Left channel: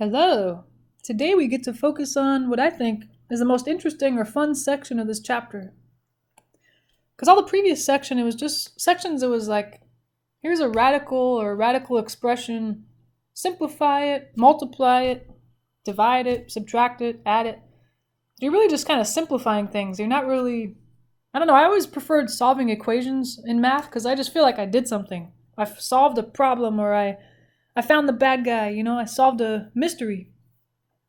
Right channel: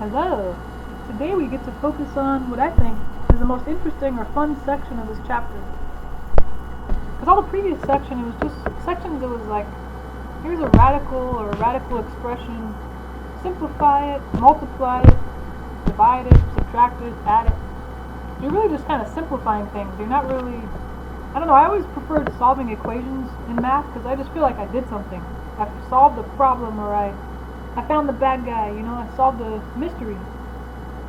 Hello! Today we get to focus on what I think is the most interesting or fun section of this chapter. Because all the previous section, it was just sections, it was like, here's a radical expression, simplify it, multiply it, divide it, subtract it, add it. You're really just kind of simplifying things. You're not really, I don't know, I always preferred solving equations in math because I just feel like I did something. I solved a problem, or I found the bad guy, I solved a mystery.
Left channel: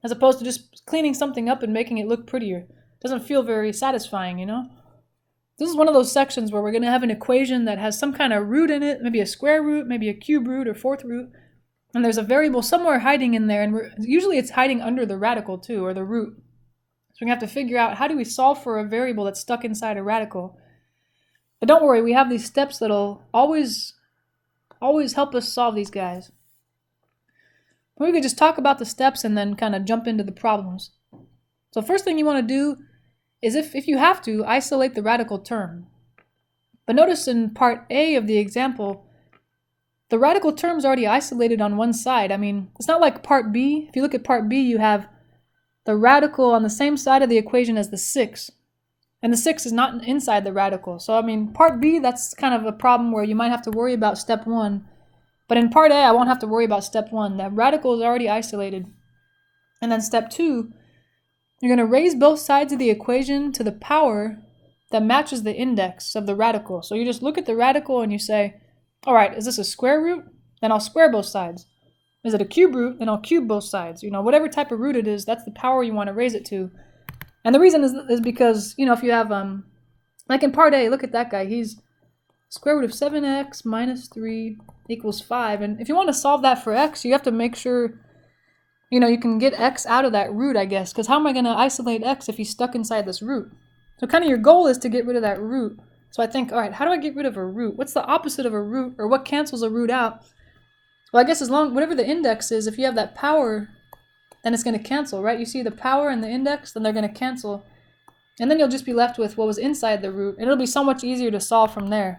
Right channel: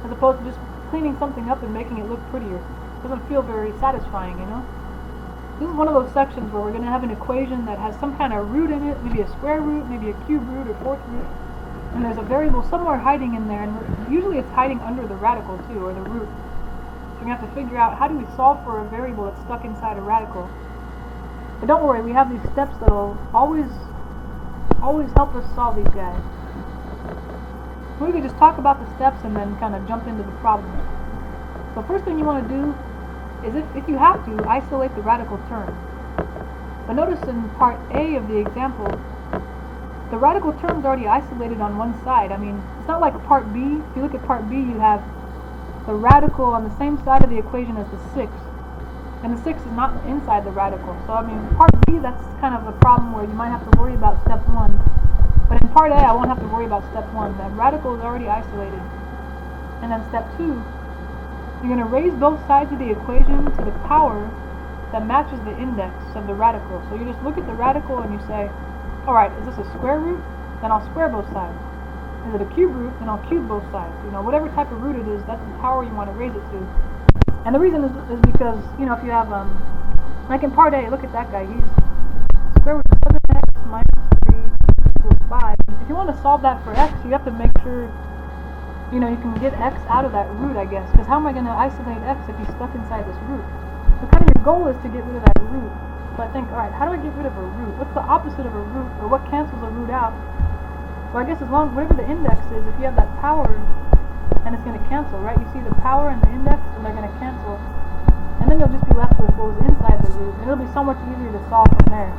As opposed to just cleaning something up and making it look prettier. It doesn't feel very satisfying, This is one of those sections where we're going to have an equation that has some kind of root in it, maybe a square root, maybe a cube root or fourth root. And there's a variable somewhere hiding in there, and usually it's hiding under the radical too, or the root. So we're going to have to figure out how do we solve for a variable that's stuck inside a radical. But don't worry, we have these steps that'll always help us solve these guys. We could just talk about the steps and then kind of jump into the problems. So first thing you want to do is, if you have to, isolate the radical term. But notice in part A of the example, the radical term's already isolated on one side. I mean, it's not like part B. If you look at part B, you have the radical on the same side of the equation as the 6. And the 6 is not inside the radical. So, I mean, part B, that's kind of a problem where you might have to worry about step 1. But in part A, I won't have to worry about step 1. That radical is already isolated. And then step 2, you're going to raise both sides of the equation to the power that matches the index of the radical. So you just look at the radical and you say, alright, is this a square root? Then I'll square both sides. Is it a cube root? Then I'll cube both sides. Whatever type of root it is, that's the power you want to raise it to. And the reason is because, if you have, like in part A, look at that guy. He's square root of 7x minus 3 equals 5. And if you want to solve that for x, you have to make sure, you can get x out of that root, I guess. Because how am I going to isolate x if he's stuck inside this root? So kind of your goal is to get rid of that root. So I think, alright, how do I get rid of a root? What's the opposite of a root, or what cancels a root out? Well, I guess whatever the index is, if you have that power, then it's going to cancel, right? You see the power and the index, then they're going to cancel. And then you'll just be left with what was inside the root. And it'll be so much easier to solve from there.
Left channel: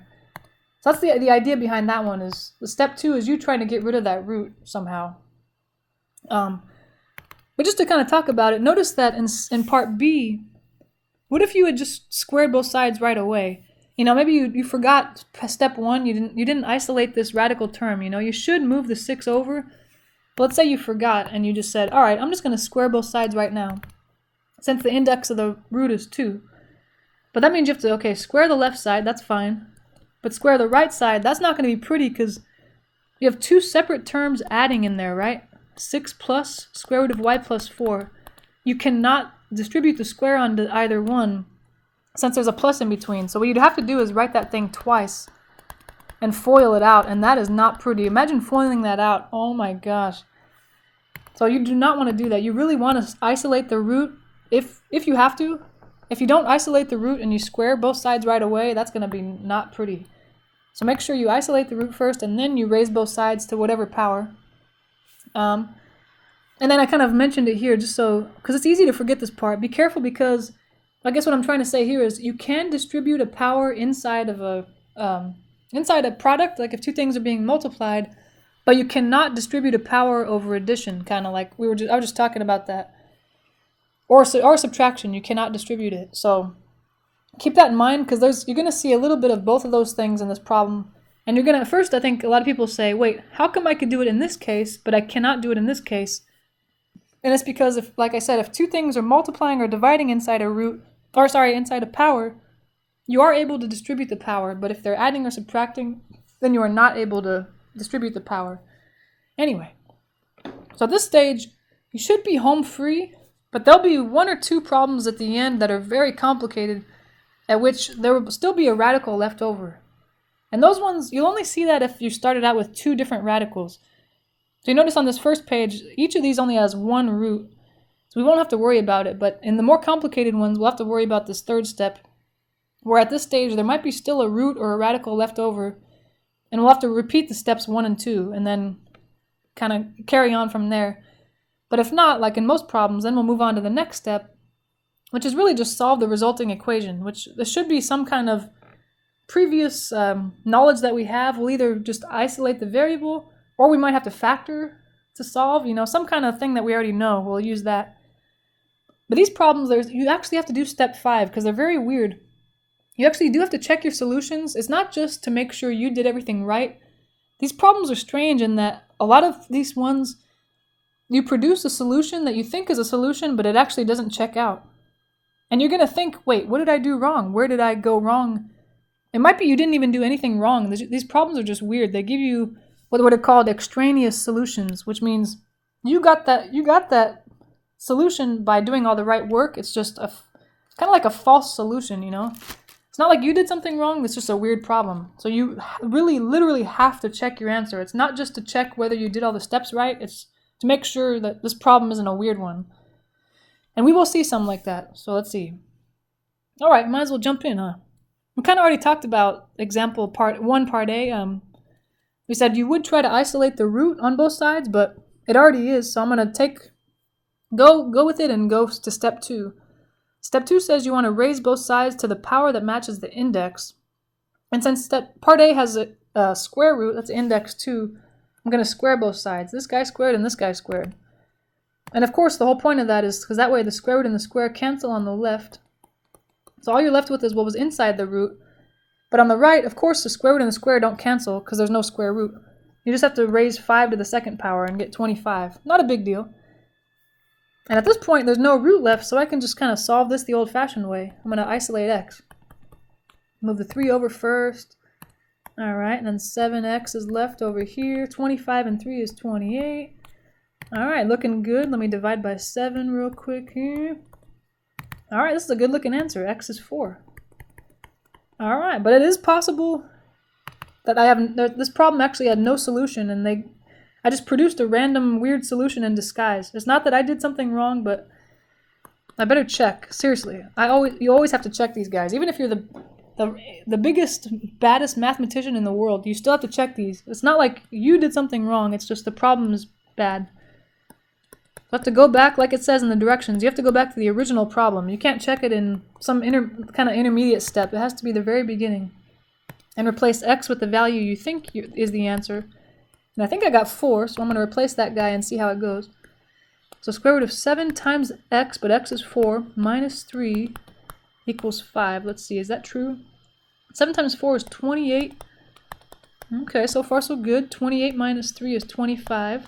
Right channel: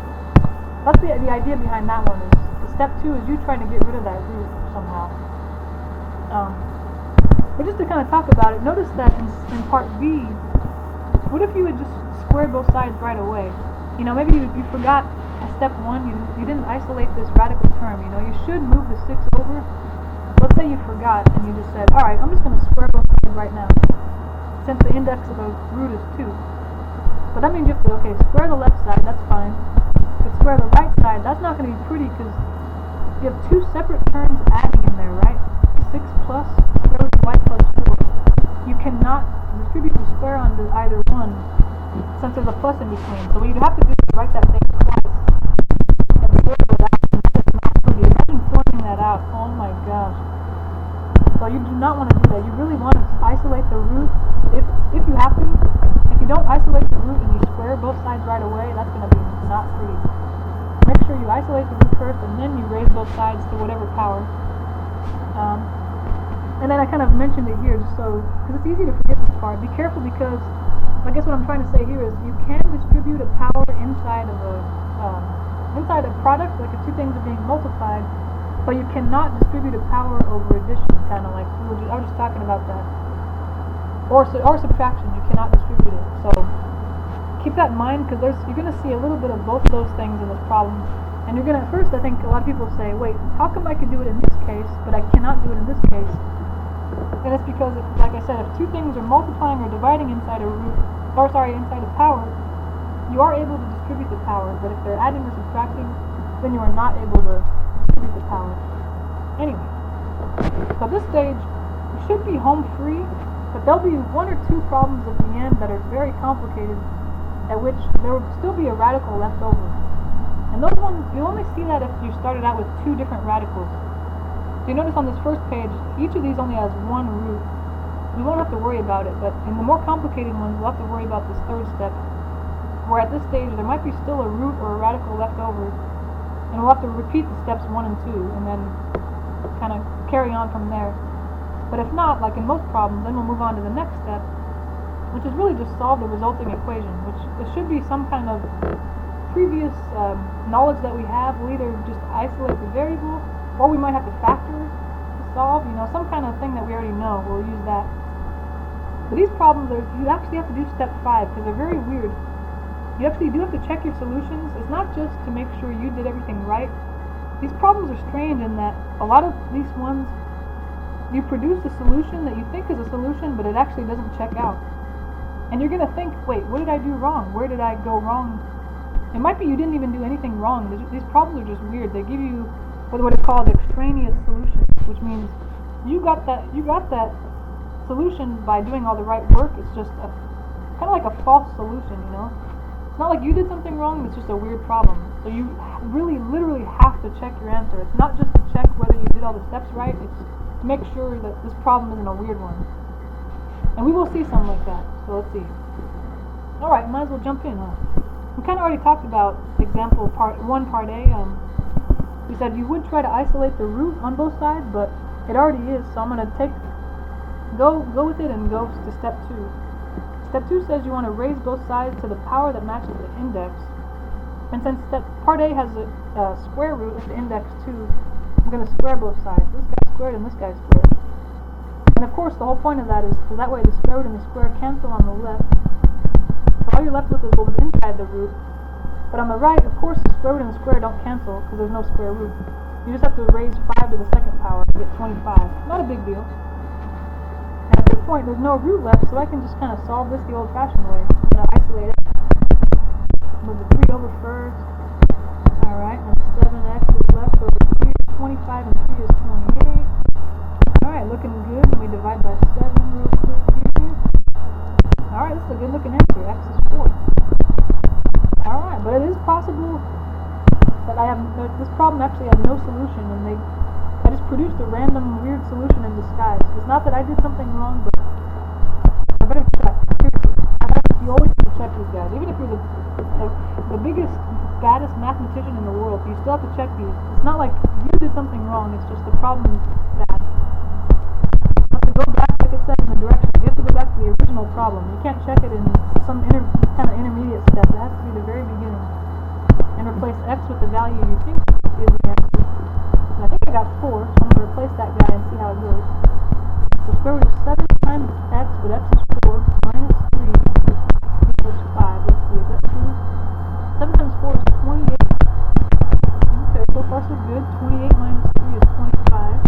So that's the idea behind that one. Is the step 2 is you trying to get rid of that root somehow. But just to kind of talk about it, notice that in part B, what if you had just squared both sides right away? Maybe you forgot step 1, you didn't isolate this radical term, you should move the 6 over. Let's say you forgot and you just said, alright, I'm just going to square both sides right now, since the index of the root is 2. But that means you have to, square the left side, that's fine. But square the right side, that's not going to be pretty because you have 2 separate terms adding in there, right? 6 plus square root of y plus 4. You cannot distribute the square onto either one since there's a plus in between. So what you'd have to do is write that thing twice and FOIL it out, and that is not pretty. Imagine foiling that out. Oh my gosh. So you do not want to do that. You really want to isolate the root if you have to. If you don't isolate the root and you square both sides right away, that's going to be not pretty. So make sure you isolate the root first and then you raise both sides to whatever power. And then I kind of mentioned it here just so, because it's easy to forget this part. Be careful because I guess what I'm trying to say here is you can distribute a power inside of a product, like if 2 things are being multiplied, but you cannot distribute a power over addition, kind of like I was just talking about that. Or subtraction, you cannot distribute it. So keep that in mind because you're going to see a little bit of both of those things in this problem. And you're going to, first I think a lot of people say, wait, how come I could do it in this case, but I cannot do it in this case? And it's because, like I said, if 2 things are multiplying or dividing inside a power, you are able to distribute the power, but if they're adding or subtracting, then you are not able to distribute the power. Anyway, so at this stage, you should be home free, but there'll be 1 or 2 problems at the end that are very complicated, at which there will still be a radical left over. And those ones, you'll only see that if you started out with 2 different radicals. So you notice on this first page, each of these only has 1 root, so we won't have to worry about it, but in the more complicated ones, we'll have to worry about this third step, where at this stage there might be still a root or a radical left over, and we'll have to repeat the steps 1 and 2, and then kind of carry on from there. But if not, like in most problems, then we'll move on to the next step, which is really just solve the resulting equation, which there should be some kind of previous knowledge that we have. We'll either just isolate the variable, or we might have to factor to solve, some kind of thing that we already know. We'll use that. But these problems, you actually have to do step 5 because they're very weird. You actually do have to check your solutions. It's not just to make sure you did everything right. These problems are strange in that a lot of these ones, you produce a solution that you think is a solution, but it actually doesn't check out. And you're going to think, wait, what did I do wrong? Where did I go wrong? It might be you didn't even do anything wrong. These problems are just weird. They give you what are called extraneous solutions, which means you got that solution by doing all the right work. It's just kind of like a false solution, It's not like you did something wrong, it's just a weird problem. So you really, literally have to check your answer. It's not just to check whether you did all the steps right, it's to make sure that this problem isn't a weird one. And we will see some like that, so let's see. Alright, might as well jump in, huh? We kind of already talked about example part 1, part A. We said you would try to isolate the root on both sides, but it already is, so I'm going to go with it and go to step 2. Step 2 says you want to raise both sides to the power that matches the index. And since part A has a square root, that's index 2, I'm going to square both sides. This guy squared and this guy squared. And of course the whole point of that is because that way the square root and the square cancel on the left. So all you're left with is what was inside the root. But on the right, of course, the square root and the square don't cancel because there's no square root. You just have to raise 5 to the second power and get 25. Not a big deal. And at this point, there's no root left, so I can just kind of solve this the old-fashioned way. I'm going to isolate x. Move the 3 over first. Alright, and then 7x is left over here. 25 and 3 is 28. Alright, looking good. Let me divide by 7 real quick here. Alright, this is a good looking answer. X is 4. Alright, but it is possible that this problem actually had no solution and I just produced a random weird solution in disguise. It's not that I did something wrong, but I better check. Seriously. You always have to check these guys. Even if you're the biggest, baddest mathematician in the world, you still have to check these. It's not like you did something wrong, it's just the problem is bad. You have to go back, like it says in the directions, you have to go back to the original problem. You can't check it in some kind of intermediate step. It has to be the very beginning. And replace x with the value you think is the answer. And I think I got 4, so I'm going to replace that guy and see how it goes. So square root of 7 times x, but x is 4, minus 3 equals 5. Let's see, is that true? 7 times 4 is 28. Okay, so far so good. 28 minus 3 is 25.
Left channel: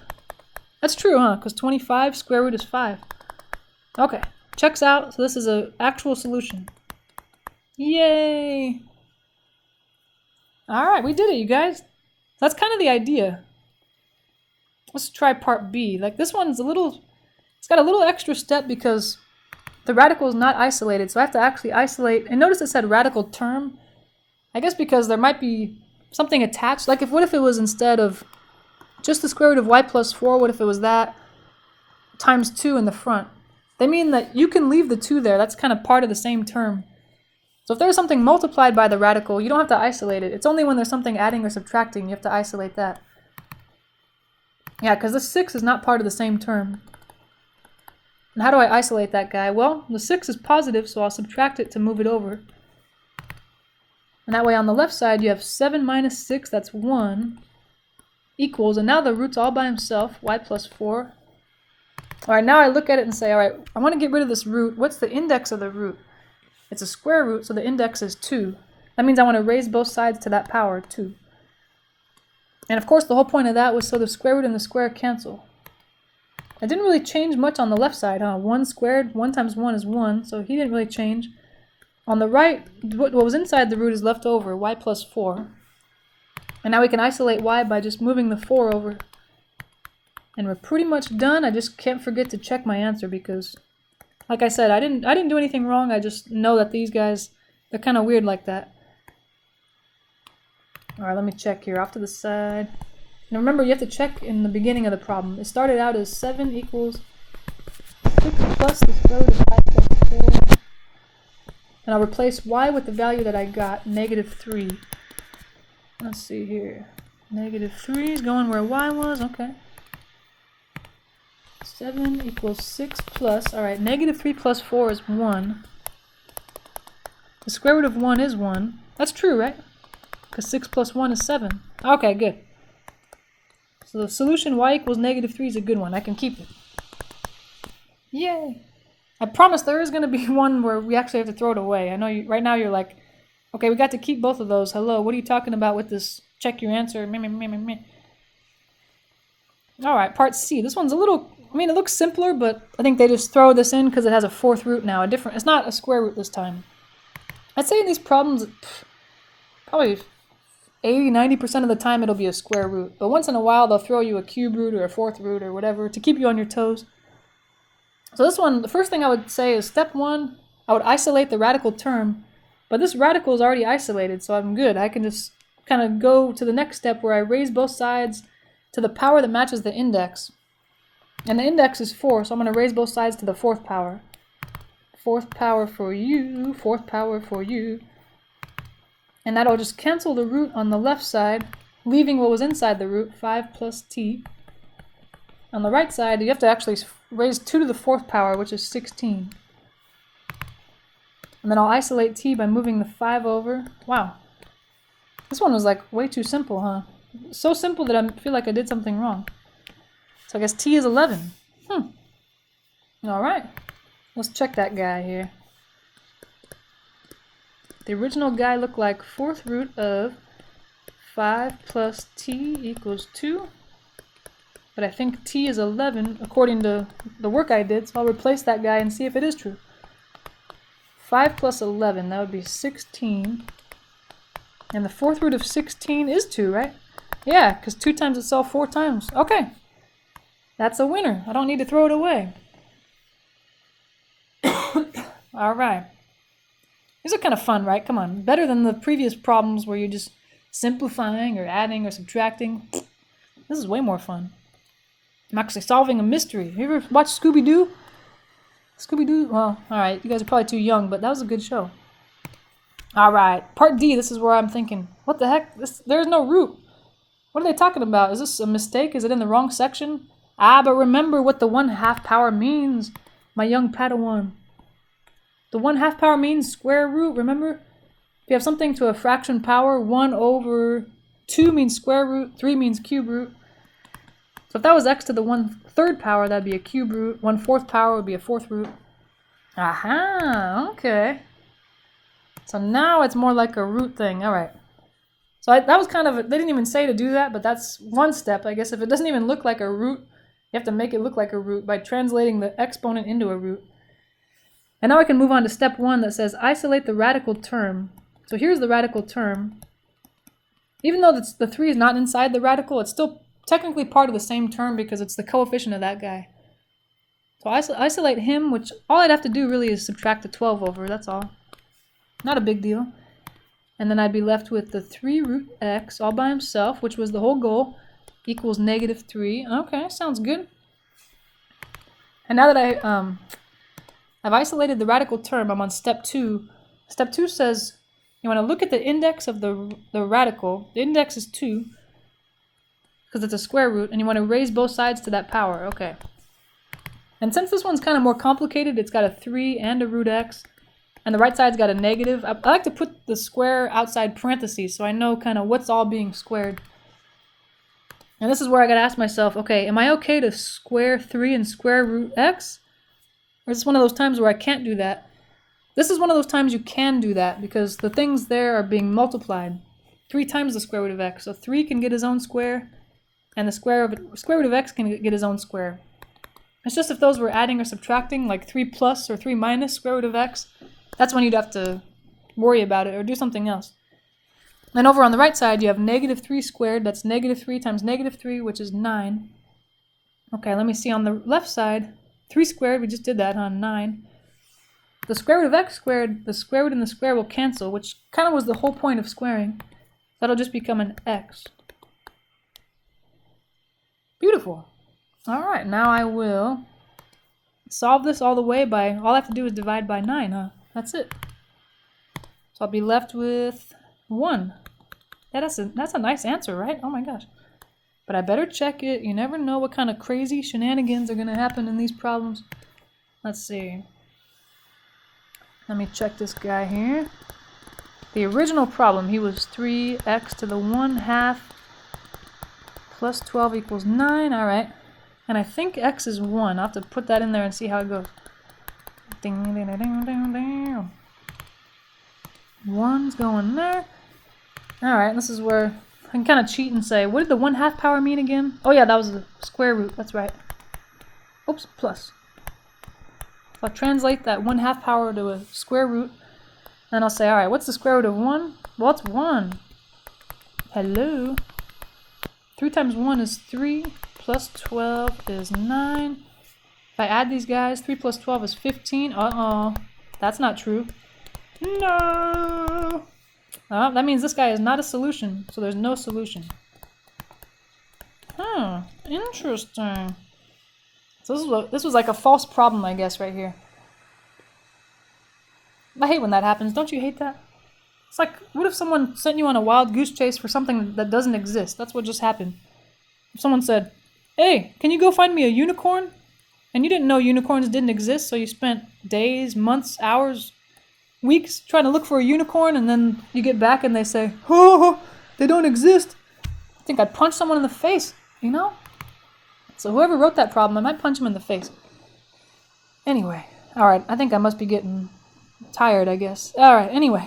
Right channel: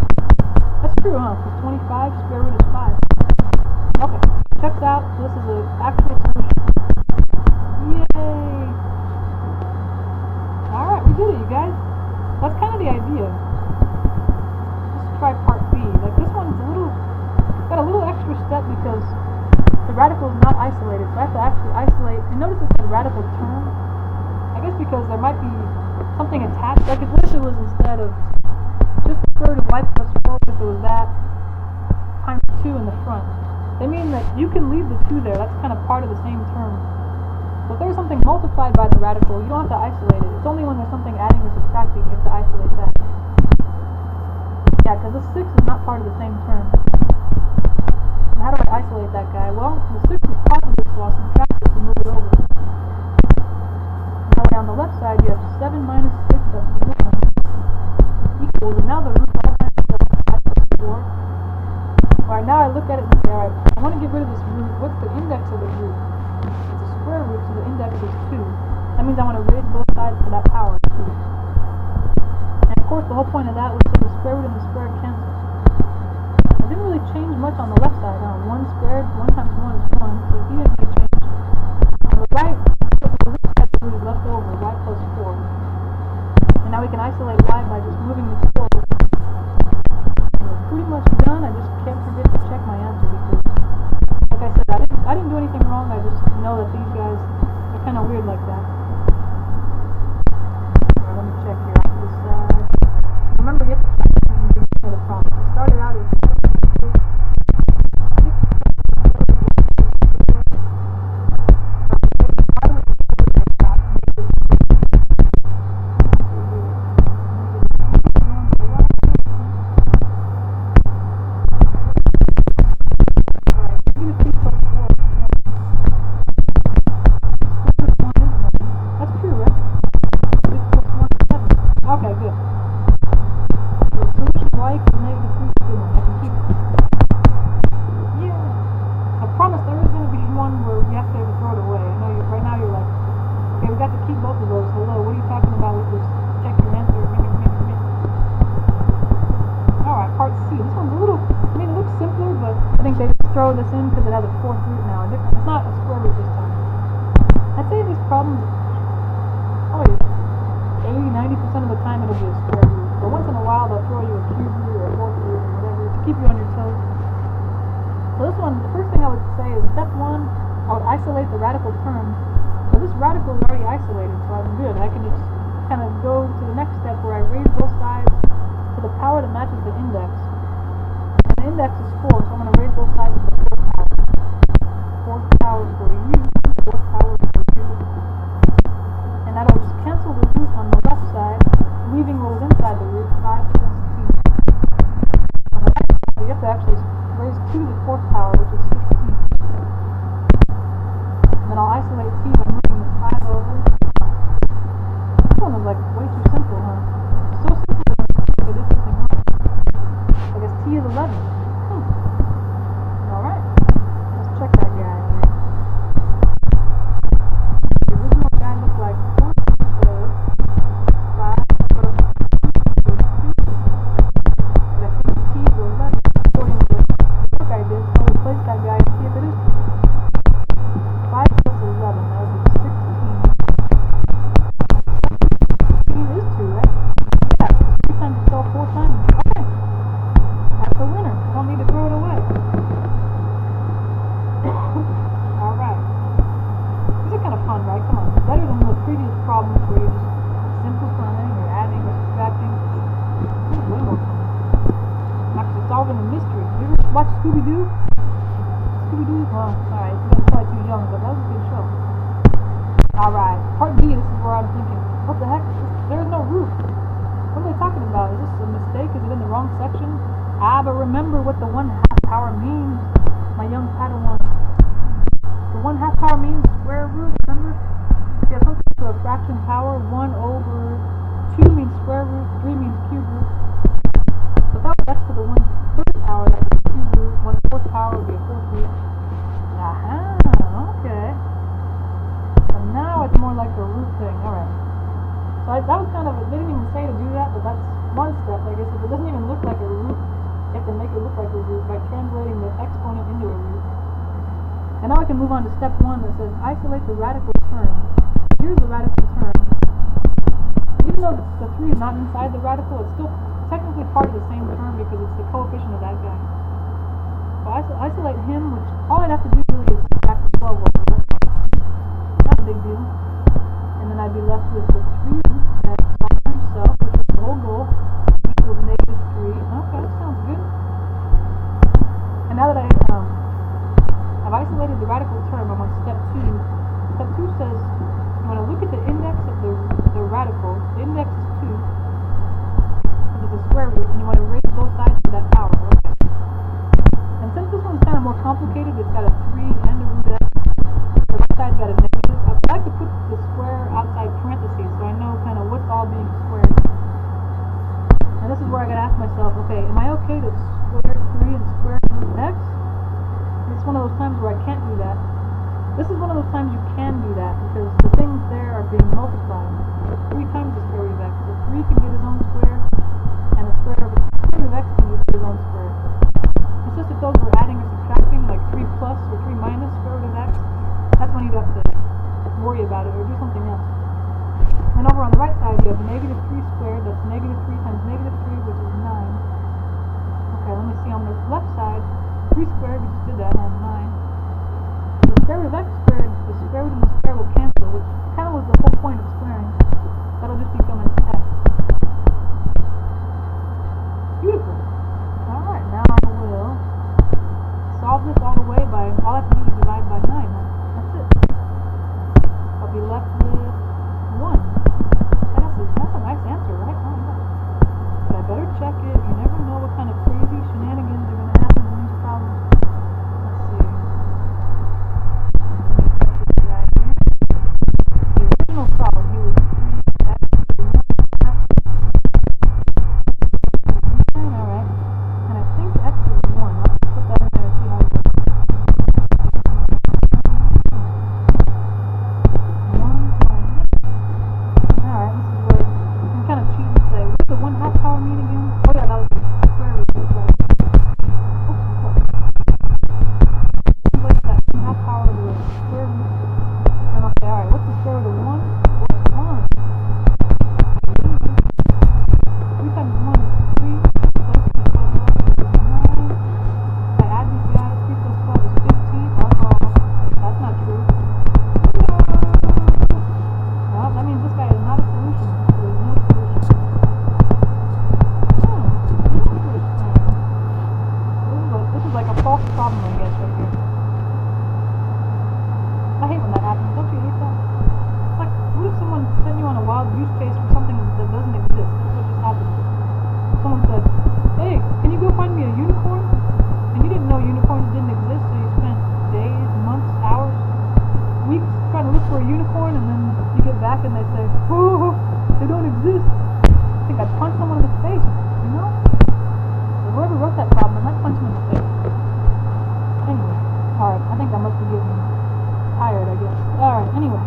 That's true, huh? Because 25 square root is 5. Okay, checks out. So this is an actual solution. Yay! Alright, we did it, you guys. That's kind of the idea. Let's try part B. Like this one's it's got a little extra step because the radical is not isolated, so I have to actually isolate. And notice it said radical term. I guess because there might be something attached. Like what if it was instead of just the square root of y plus 4, what if it was that times 2 in the front? They mean that you can leave the 2 there. That's kind of part of the same term. So if there's something multiplied by the radical, you don't have to isolate it. It's only when there's something adding or subtracting you have to isolate that. Yeah, because the 6 is not part of the same term. And how do I isolate that guy? Well, the 6 is positive, so I'll subtract it to move it over. And that way on the left side you have 7 minus 6, that's 1, equals, and now the root's all by himself, y plus 4. Alright, now I look at it and say, alright, I want to get rid of this root. What's the index of the root? It's a square root, so the index is 2. That means I want to raise both sides to that power, 2. And of course the whole point of that was so the square root and the square cancel. It didn't really change much on the left side, huh? 1 squared, 1 times 1 is 1, so he didn't really change. On the right, what was inside the root is left over, y plus 4. And now we can isolate y by just moving the 4 over. And we're pretty much done. I just can't forget to check my answer because, like I said, I didn't do anything wrong. I just know that these guys are kind of weird like that. Alright, let me check here. Off to the side. Now remember, you have to check in the beginning of the problem. It started out as 7 equals 6 plus the square root of y plus 4. And I'll replace y with the value that I got, negative 3. Let's see here. Negative 3 is going where y was. Okay. 7 equals 6 plus. Alright, negative 3 plus 4 is 1. The square root of 1 is 1. That's true, right? Because 6 plus 1 is 7. Okay, good. So the solution y equals -3 is a good one. I can keep it. Yeah. I promise there is going to be one where we actually have to throw it away. I know right now you're like, okay, we got to keep both of those. Hello, what are you talking about with this check your answer? Alright, part C. This one's a little, it looks simpler, but I think they just throw this in because it has a fourth root now. It's not a square root this time. I'd say in these problems, probably 80-90% of the time it'll be a square root. But once in a while they'll throw you a cube root or a fourth root or whatever to keep you on your toes. So this one, the first thing I would say is step 1, I would isolate the radical term. But this radical is already isolated, so I'm good. I can just kind of go to the next step where I raise both sides to the power that matches the index. And the index is 4, so I'm going to raise both sides to the 4th power. 4th power for you, 4th power for you. And that'll just cancel the root on the left side, leaving what was inside the root, 5 plus t. On the right side, you have to actually raise 2 to the 4th power, which is 16. And then I'll isolate t by moving the 5 over. Wow. This one was like way too simple, huh? So simple that I feel like I did something wrong. So I guess t is 11. Alright. Let's check that guy here. The original guy looked like 4th root of 5 plus t equals 2. But I think t is 11 according to the work I did, so I'll replace that guy and see if it is true. 5 plus 11, that would be 16. And the 4th root of 16 is 2, right? Yeah, because 2 times itself 4 times. Okay. That's a winner. I don't need to throw it away. Alright. These are kind of fun, right? Come on. Better than the previous problems where you're just simplifying or adding or subtracting. This is way more fun. I'm actually solving a mystery. You ever watch Scooby-Doo? Scooby-Doo? Well, alright. You guys are probably too young, but that was a good show. Alright. Part D, this is where I'm thinking. What the heck? There's no root. What are they talking about? Is this a mistake? Is it in the wrong section? But remember what the 1/2 power means, my young Padawan. The 1/2 power means square root, remember? If you have something to a fraction power, 1 over 2 means square root, 3 means cube root. So if that was x to the 1/3 power, that'd be a cube root. 1/4 power would be a 4th root. Aha, okay. So now it's more like a root thing, alright. So that was kind of, they didn't even say to do that, but that's one step. I guess if it doesn't even look like a root, you have to make it look like a root by translating the exponent into a root. And now I can move on to step 1 that says isolate the radical term. So here's the radical term. Even though the 3 is not inside the radical, it's still technically part of the same term because it's the coefficient of that guy. So isolate him, which all I'd have to do really is subtract the 12 over, that's all. Not a big deal. And then I'd be left with the 3 root x all by himself, which was the whole goal, equals -3. Okay, sounds good. And now that I've isolated the radical term, I'm on step 2. Step 2 says you want to look at the index of the radical. The index is 2, because it's a square root, and you want to raise both sides to that power. Okay. And since this one's kind of more complicated, it's got a 3 and a root x. And the right side's got a negative. I like to put the square outside parentheses so I know kind of what's all being squared. And this is where I gotta ask myself, okay, am I okay to square 3 and square root x? Or is this one of those times where I can't do that? This is one of those times you can do that because the things there are being multiplied. 3 times the square root of x. So 3 can get his own square, and the square root of x can get his own square. It's just if those were adding or subtracting, like 3 plus or 3 minus square root of x, that's when you'd have to worry about it or do something else. And over on the right side, you have -3 squared. That's -3 times -3, which is 9. Okay, let me see on the left side. 3 squared, we just did that on 9. The square root of x squared, the square root and the square will cancel, which kind of was the whole point of squaring. That'll just become an x. Beautiful. Alright, now I will solve this all the way by, all I have to do is divide by 9, huh? That's it. So I'll be left with 1. Yeah, that's a nice answer, right? Oh my gosh. But I better check it. You never know what kind of crazy shenanigans are going to happen in these problems. Let's see. Let me check this guy here. The original problem, he was 3x to the 1/2 plus 12 equals 9. Alright. And I think x is 1. I'll have to put that in there and see how it goes. Ding, ding, ding, ding, ding, ding. 1's going there. Alright, this is where I can kind of cheat and say, what did the 1/2 power mean again? Oh yeah, that was the square root. That's right. Oops, plus. So I translate that 1/2 power to a square root. And I'll say, alright, what's the square root of 1? Well, it's 1. Hello. 3 times 1 is 3, plus 12 is 9. If I add these guys, 3 plus 12 is 15. Uh-oh. That's not true. No! That means this guy is not a solution, so there's no solution. Interesting. So this was like a false problem, I guess, right here. I hate when that happens. Don't you hate that? It's like, what if someone sent you on a wild goose chase for something that doesn't exist? That's what just happened. If someone said, hey, can you go find me a unicorn? And you didn't know unicorns didn't exist, so you spent days, months, hours, weeks trying to look for a unicorn, and then you get back and they say, oh, they don't exist. I think I'd punch someone in the face, you know? So whoever wrote that problem, I might punch him in the face. Anyway, alright, I think I must be getting tired, I guess. Alright, anyway.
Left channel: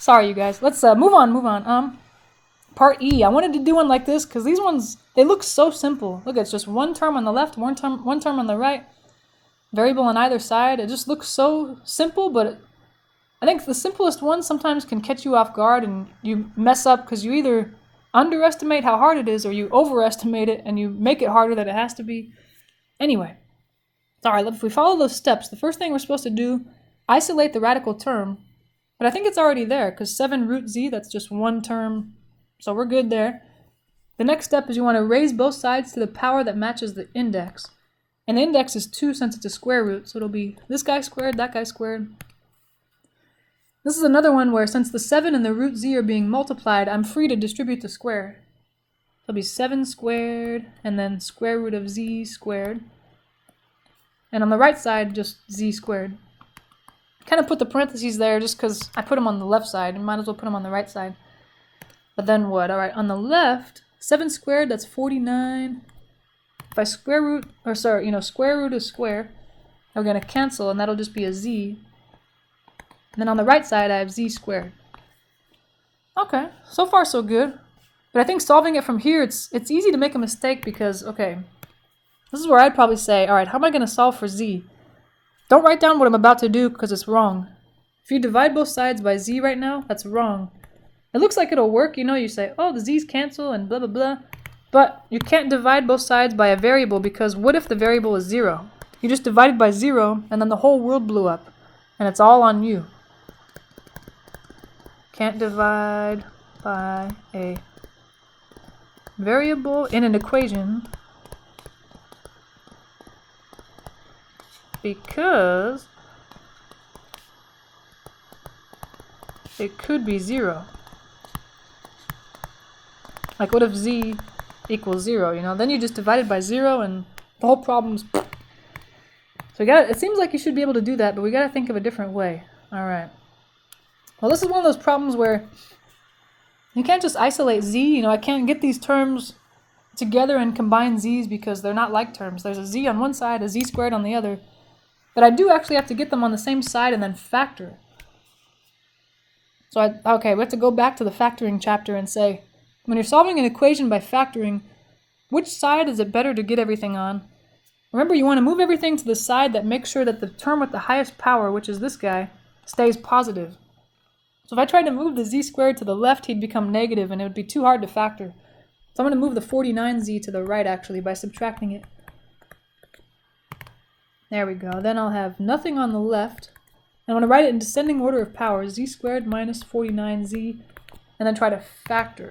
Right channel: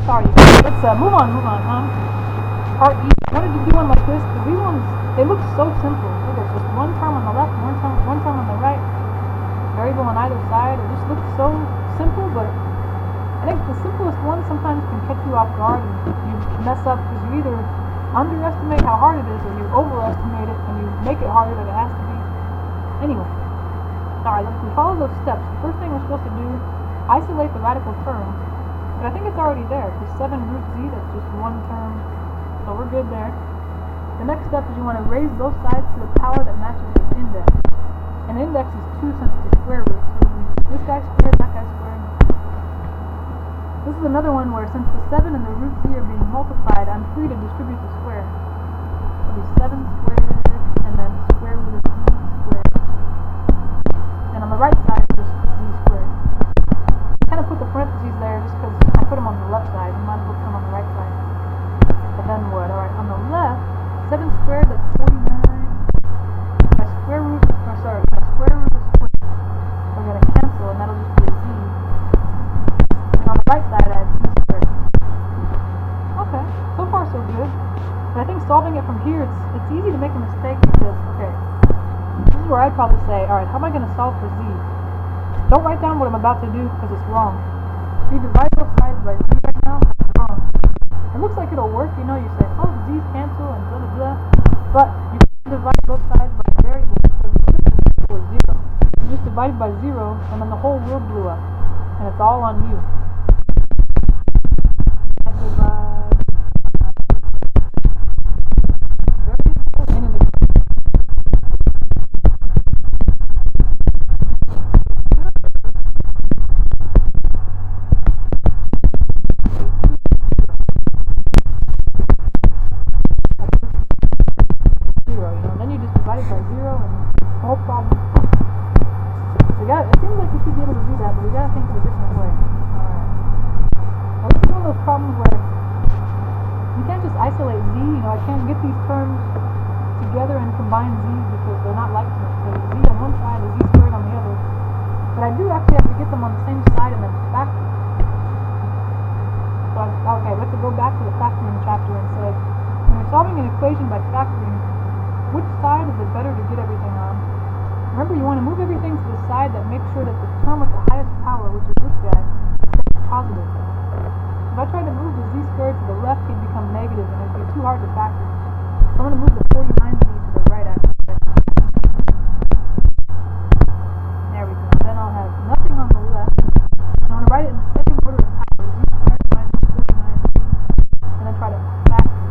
Sorry, you guys. Let's move on. Part E. I wanted to do one like this because these ones, they look so simple. Look, it's just one term on the left, one term on the right, variable on either side. It just looks so simple, but I think the simplest one sometimes can catch you off guard and you mess up because you either underestimate how hard it is or you overestimate it and you make it harder than it has to be. Anyway, alright, if we follow those steps, the first thing we're supposed to do, isolate the radical term, but I think it's already there because 7 root z, that's just one term, so we're good there. The next step is you want to raise both sides to the power that matches the index, and the index is 2 since it's a square root, so it'll be this guy squared, that guy squared. This is another one where since the 7 and the root z are being multiplied, I'm free to distribute the square. It'll be 7 squared and then square root of z squared. And on the right side, just z squared. I kind of put the parentheses there just because I put them on the left side. I might as well put them on the right side. But then what? Alright, on the left, 7 squared, that's 49. If I square root of square, they're going to cancel and that'll just be a z. And then on the right side, I have z squared. Okay, so far so good. But I think solving it from here, it's easy to make a mistake because, okay, this is where I'd probably say, alright, how am I going to solve for z? Don't write down what I'm about to do because it's wrong. If you divide both sides by z right now, that's wrong. It looks like it'll work, you know, you say, oh, the z's cancel and blah blah blah. But you can't divide both sides by a variable because what if the variable is 0? You just divided by 0 and then the whole world blew up. And it's all on you. Can't divide by a variable in an equation because it could be 0. Like what if z equals 0, you know? Then you just divide it by 0 and the whole problem's... So it seems like you should be able to do that, but we gotta think of a different way. Alright. Well, this is one of those problems where you can't just isolate z, you know, I can't get these terms together and combine z's because they're not like terms. There's a z on one side, a z squared on the other. But I do actually have to get them on the same side and then factor. So, okay, we have to go back to the factoring chapter and say, when you're solving an equation by factoring, which side is it better to get everything on? Remember, you want to move everything to the side that makes sure that the term with the highest power, which is this guy, stays positive. So if I tried to move the z squared to the left, he'd become negative and it would be too hard to factor. So I'm going to move the 49z to the right actually by subtracting it. There we go. Then I'll have nothing on the left. And I'm going to write it in descending order of power, z squared minus 49z, and then try to factor.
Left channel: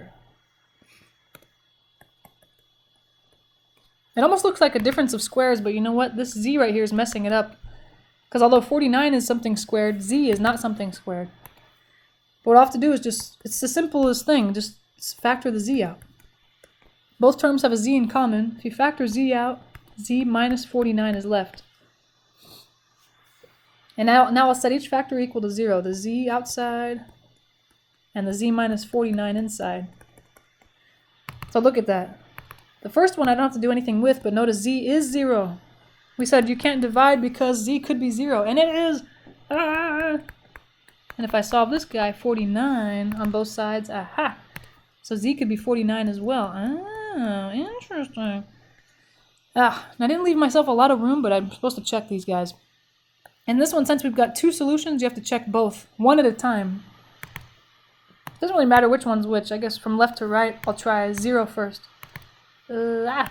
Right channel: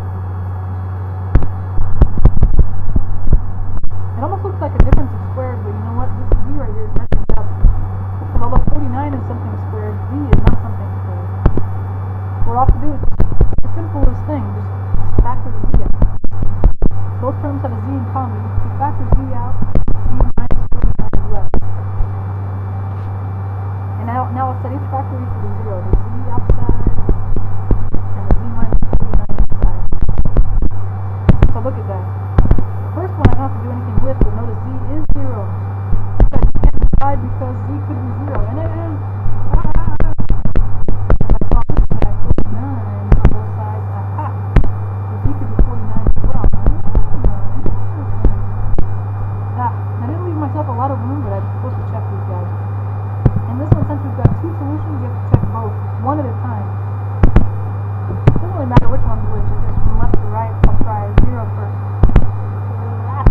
It almost looks like a difference of squares, but you know what? This z right here is messing it up. Because although 49 is something squared, z is not something squared. What I'll have to do is it's the simplest thing, just factor the z out. Both terms have a z in common. If you factor z out, z minus 49 is left. And now I'll set each factor equal to 0. The z outside and the z minus 49 inside. So look at that. The first one I don't have to do anything with, but notice z is 0. We said you can't divide because z could be 0, and it is. And if I solve this guy, 49 on both sides, aha. So z could be 49 as well. Interesting. I didn't leave myself a lot of room, but I'm supposed to check these guys. In this one, since we've got two solutions, you have to check both, one at a time. It doesn't really matter which one's which. I guess from left to right, I'll try 0 first. Let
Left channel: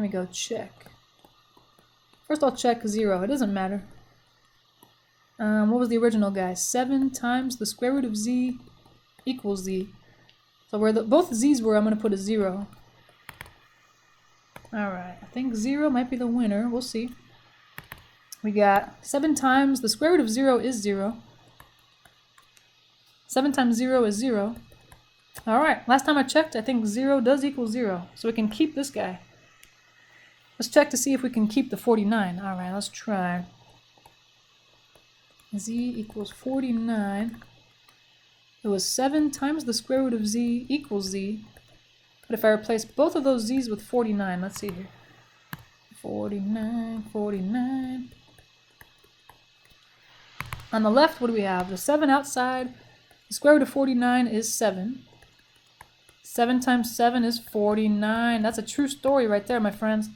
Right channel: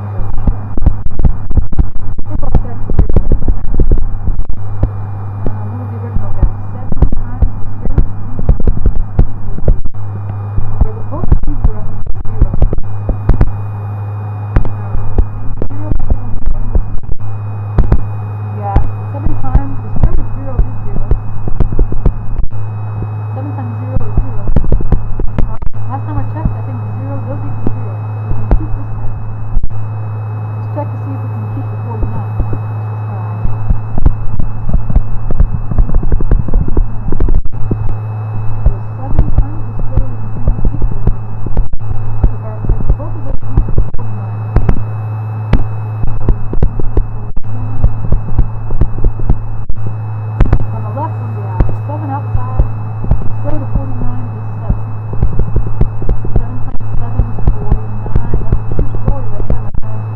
me go check. First I'll check 0. It doesn't matter. What was the original guy? 7 times the square root of z equals z. So where both z's were, I'm going to put a 0. Alright, I think 0 might be the winner. We'll see. We got 7 times the square root of 0 is 0. 7 times 0 is 0. Alright, last time I checked, I think 0 does equal 0. So we can keep this guy. Let's check to see if we can keep the 49. Alright, let's try. Z equals 49. It was 7 times the square root of z equals z. But if I replace both of those z's with 49, let's see. 49, 49. On the left, what do we have? Well, 7 outside. The square root of 49 is 7. 7 times 7 is 49. That's a true story right there, my friends.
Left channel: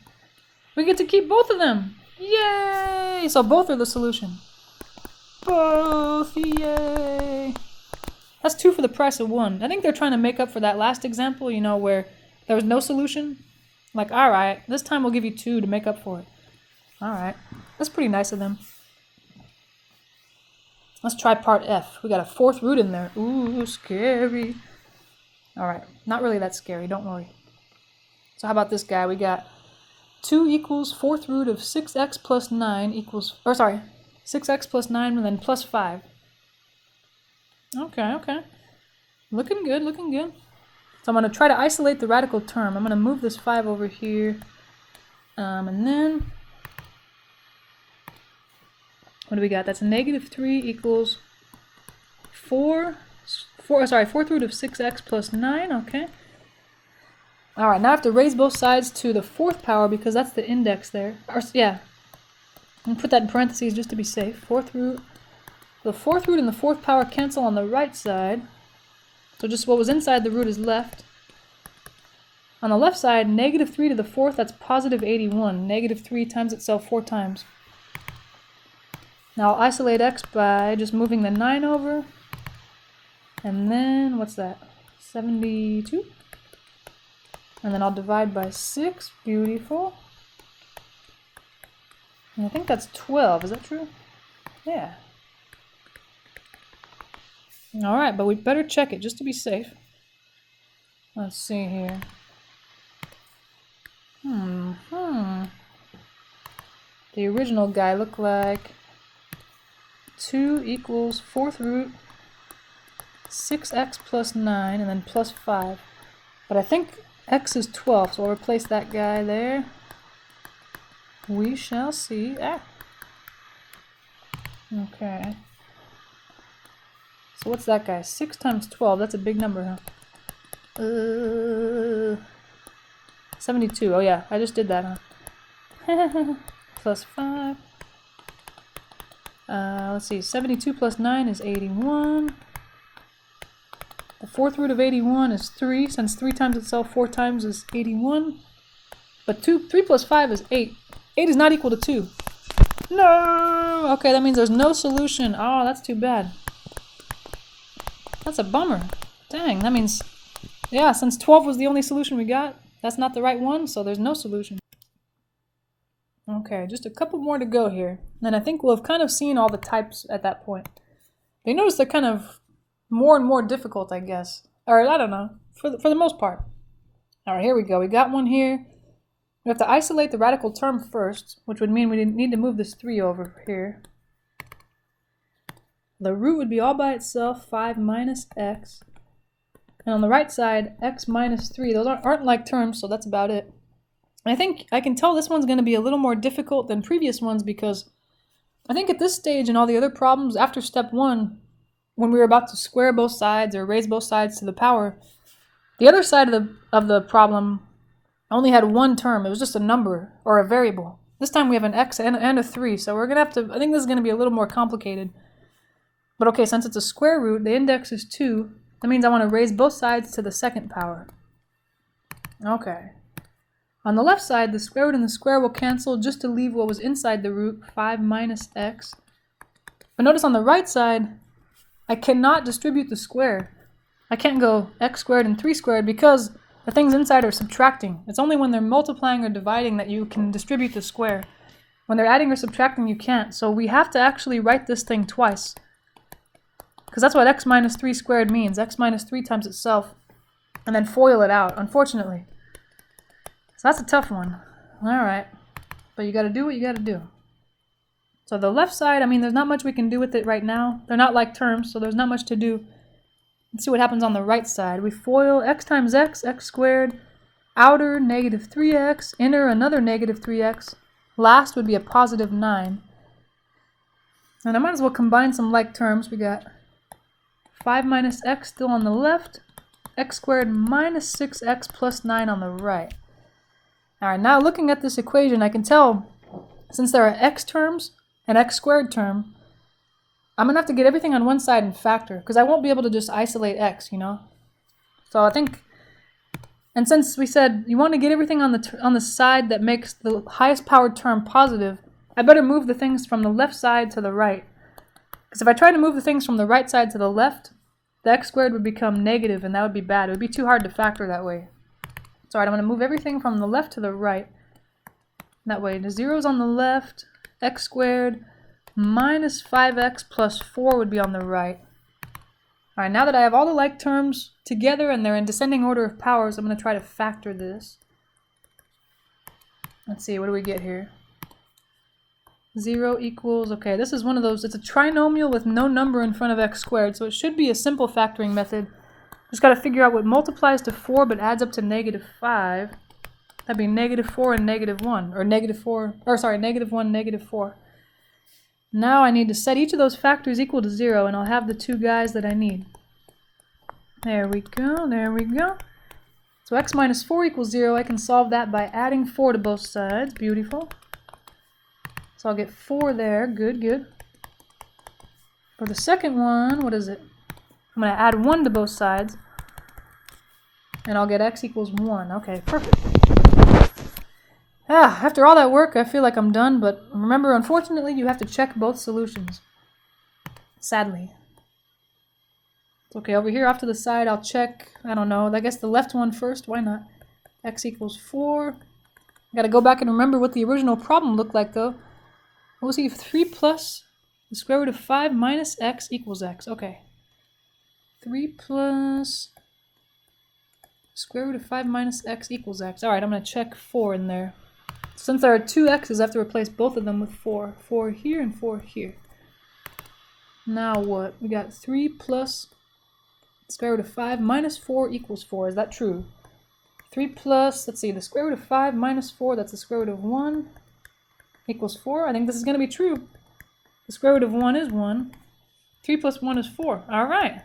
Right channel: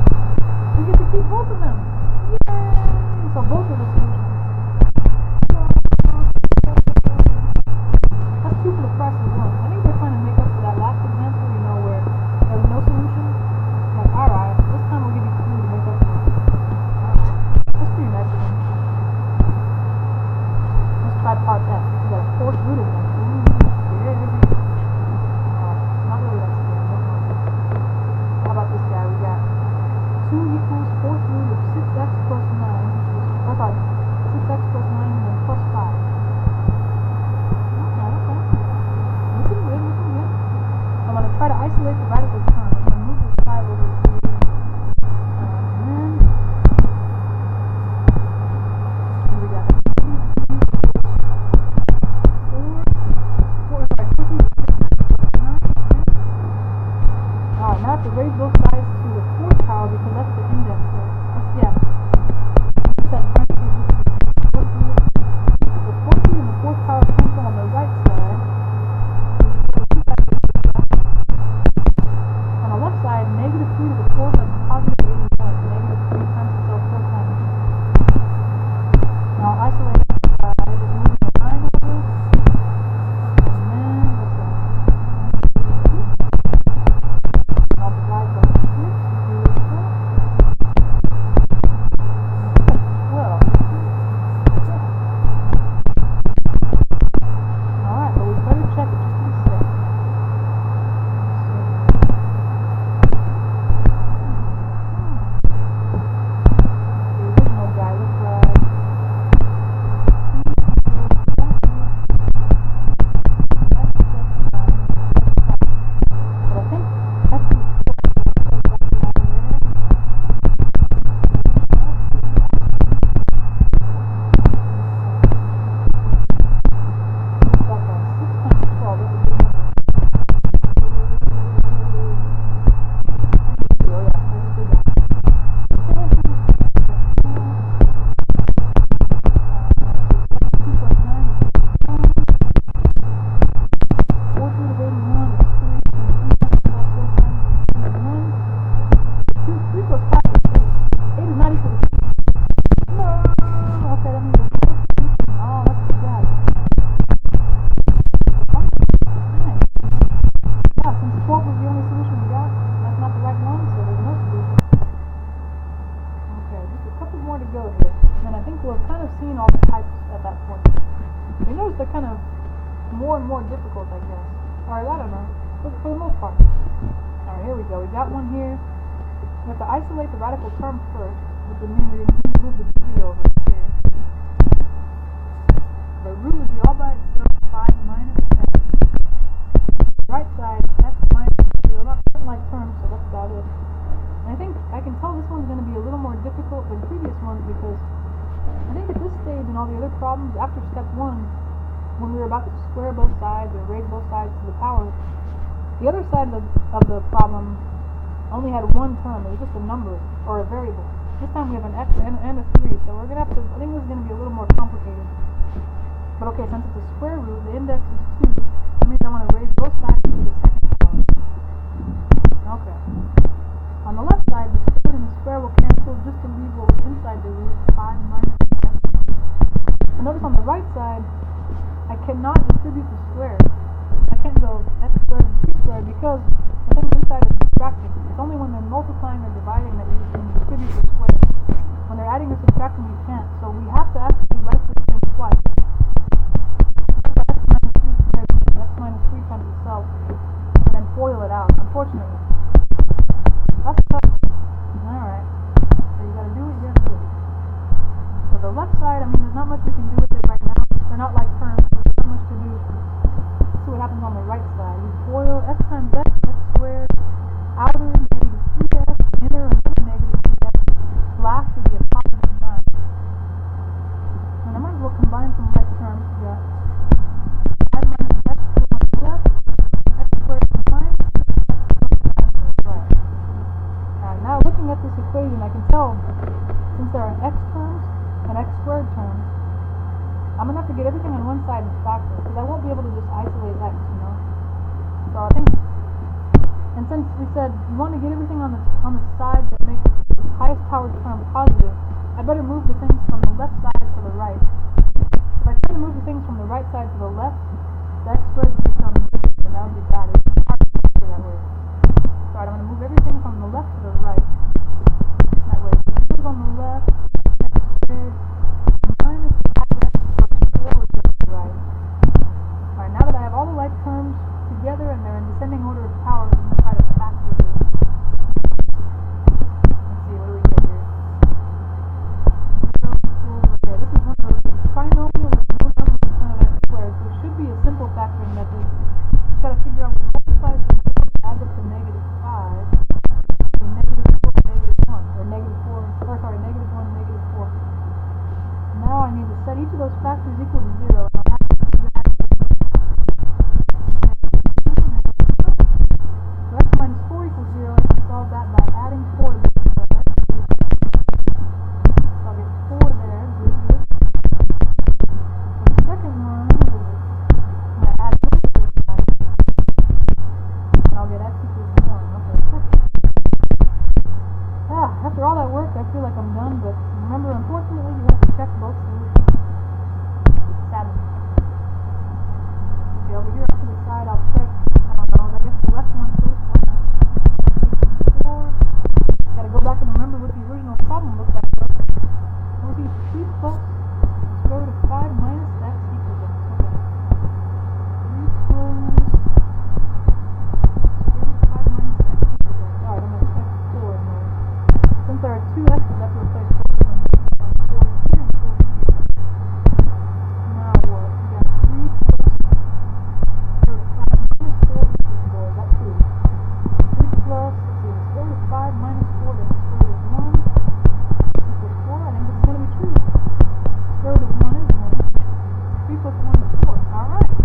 We get to keep both of them. Yay! So both are the solution. Both, yay! That's 2 for the price of 1. I think they're trying to make up for that last example, you know, where there was no solution. Like, alright, this time we'll give you 2 to make up for it. Alright. That's pretty nice of them. Let's try part F. We got a 4th root in there. Ooh, scary. Alright, not really that scary, don't worry. So how about this guy? We got 2 equals 4th root of 6x plus 9 equals, 6x plus 9 and then plus 5. Okay. Looking good. So I'm going to try to isolate the radical term. I'm going to move this 5 over here. And then, what do we got? That's a negative 3 equals 4th root of 6x plus 9, okay. Alright, now I have to raise both sides to the 4th power because that's the index there. I'm going to put that in parentheses just to be safe. 4th root. The 4th root and the 4th power cancel on the right side. So just what was inside the root is left. On the left side, negative 3 to the 4th, that's positive 81. Negative 3 times itself 4 times. Now I'll isolate x by just moving the 9 over. And then, what's that? 72? And then I'll divide by 6. Beautiful. And I think that's 12. Is that true? Yeah. Alright, but we'd better check it just to be safe. Let's see here. The original guy looked like 2 equals 4th root 6x plus 9 and then plus 5. But I think x is 12, so I'll replace that guy there. We shall see. Okay. So what's that guy? 6 times 12, that's a big number, huh? 72, oh yeah, I just did that, huh? Plus 5. Let's see, 72 plus 9 is 81. The 4th root of 81 is 3, since 3 times itself 4 times is 81. But 3 plus 5 is 8. 8 is not equal to 2. No! Okay, that means there's no solution. Oh, that's too bad. That's a bummer. Dang, that means, yeah, since 12 was the only solution we got, that's not the right one, so there's no solution. Okay, just a couple more to go here. And I think we'll have kind of seen all the types at that point. You notice they're kind of more and more difficult, I guess. Or, I don't know, for the most part. Alright, here we go. We got one here. We have to isolate the radical term first, which would mean we need to move this 3 over here. The root would be all by itself, 5 minus x. And on the right side, x minus 3. Those aren't like terms, so that's about it. And I think I can tell this one's going to be a little more difficult than previous ones because I think at this stage and all the other problems after step 1, when we were about to square both sides or raise both sides to the power, the other side of the problem I only had one term. It was just a number or a variable. This time we have an x and a 3, so we're going to have to, I think this is going to be a little more complicated. But okay, since it's a square root, the index is 2. That means I want to raise both sides to the second power. Okay. On the left side, the square root and the square will cancel just to leave what was inside the root, 5 minus x. But notice on the right side, I cannot distribute the square. I can't go x squared and 3 squared because the things inside are subtracting. It's only when they're multiplying or dividing that you can distribute the square. When they're adding or subtracting, you can't. So we have to actually write this thing twice. Because that's what x minus 3 squared means. X minus 3 times itself. And then FOIL it out, unfortunately. So that's a tough one. Alright. But you gotta do what you gotta do. So the left side, I mean, there's not much we can do with it right now. They're not like terms, so there's not much to do. Let's see what happens on the right side. We FOIL x times x, x squared. Outer, negative 3x. Inner, another negative 3x. Last would be a positive 9. And I might as well combine some like terms. We got 5 minus x still on the left. X squared minus 6x plus 9 on the right. Alright, now looking at this equation, I can tell, since there are x terms, an x squared term, I'm going to have to get everything on one side and factor, because I won't be able to just isolate x, you know? So I think, and since we said you want to get everything on the side that makes the highest powered term positive, I better move the things from the left side to the right. Because if I try to move the things from the right side to the left, the x squared would become negative, and that would be bad. It would be too hard to factor that way. So alright, I'm going to move everything from the left to the right. That way, the zero's on the left, x squared minus 5x plus 4 would be on the right. Alright, now that I have all the like terms together and they're in descending order of powers, I'm going to try to factor this. Let's see, what do we get here? 0 equals, okay, this is one of those, it's a trinomial with no number in front of x squared, so it should be a simple factoring method. Just got to figure out what multiplies to 4 but adds up to negative 5. That'd be negative 4 and negative 1, or negative 4, or sorry, negative 1, negative 4. Now I need to set each of those factors equal to 0, and I'll have the two guys that I need. There we go, there we go. So x minus 4 equals 0, I can solve that by adding 4 to both sides, beautiful. So I'll get 4 there, good, good. For the second one, what is it? I'm going to add 1 to both sides, and I'll get x equals 1. Okay, perfect. After all that work, I feel like I'm done, but remember, unfortunately, you have to check both solutions. Sadly. Okay, over here off to the side, I'll check, I don't know, I guess the left one first, why not? X equals 4. I gotta go back and remember what the original problem looked like, though. What was it? 3 plus the square root of 5 minus x equals x. Okay. 3 plus square root of 5 minus x equals x. Alright, I'm going to check 4 in there. Since there are two x's, I have to replace both of them with 4. 4 here and 4 here. Now what? We got 3 plus square root of 5 minus 4 equals 4. Is that true? 3 plus, let's see, the square root of 5 minus 4, that's the square root of 1, equals 4. I think this is going to be true. The square root of 1 is 1. 3 plus 1 is 4. Alright.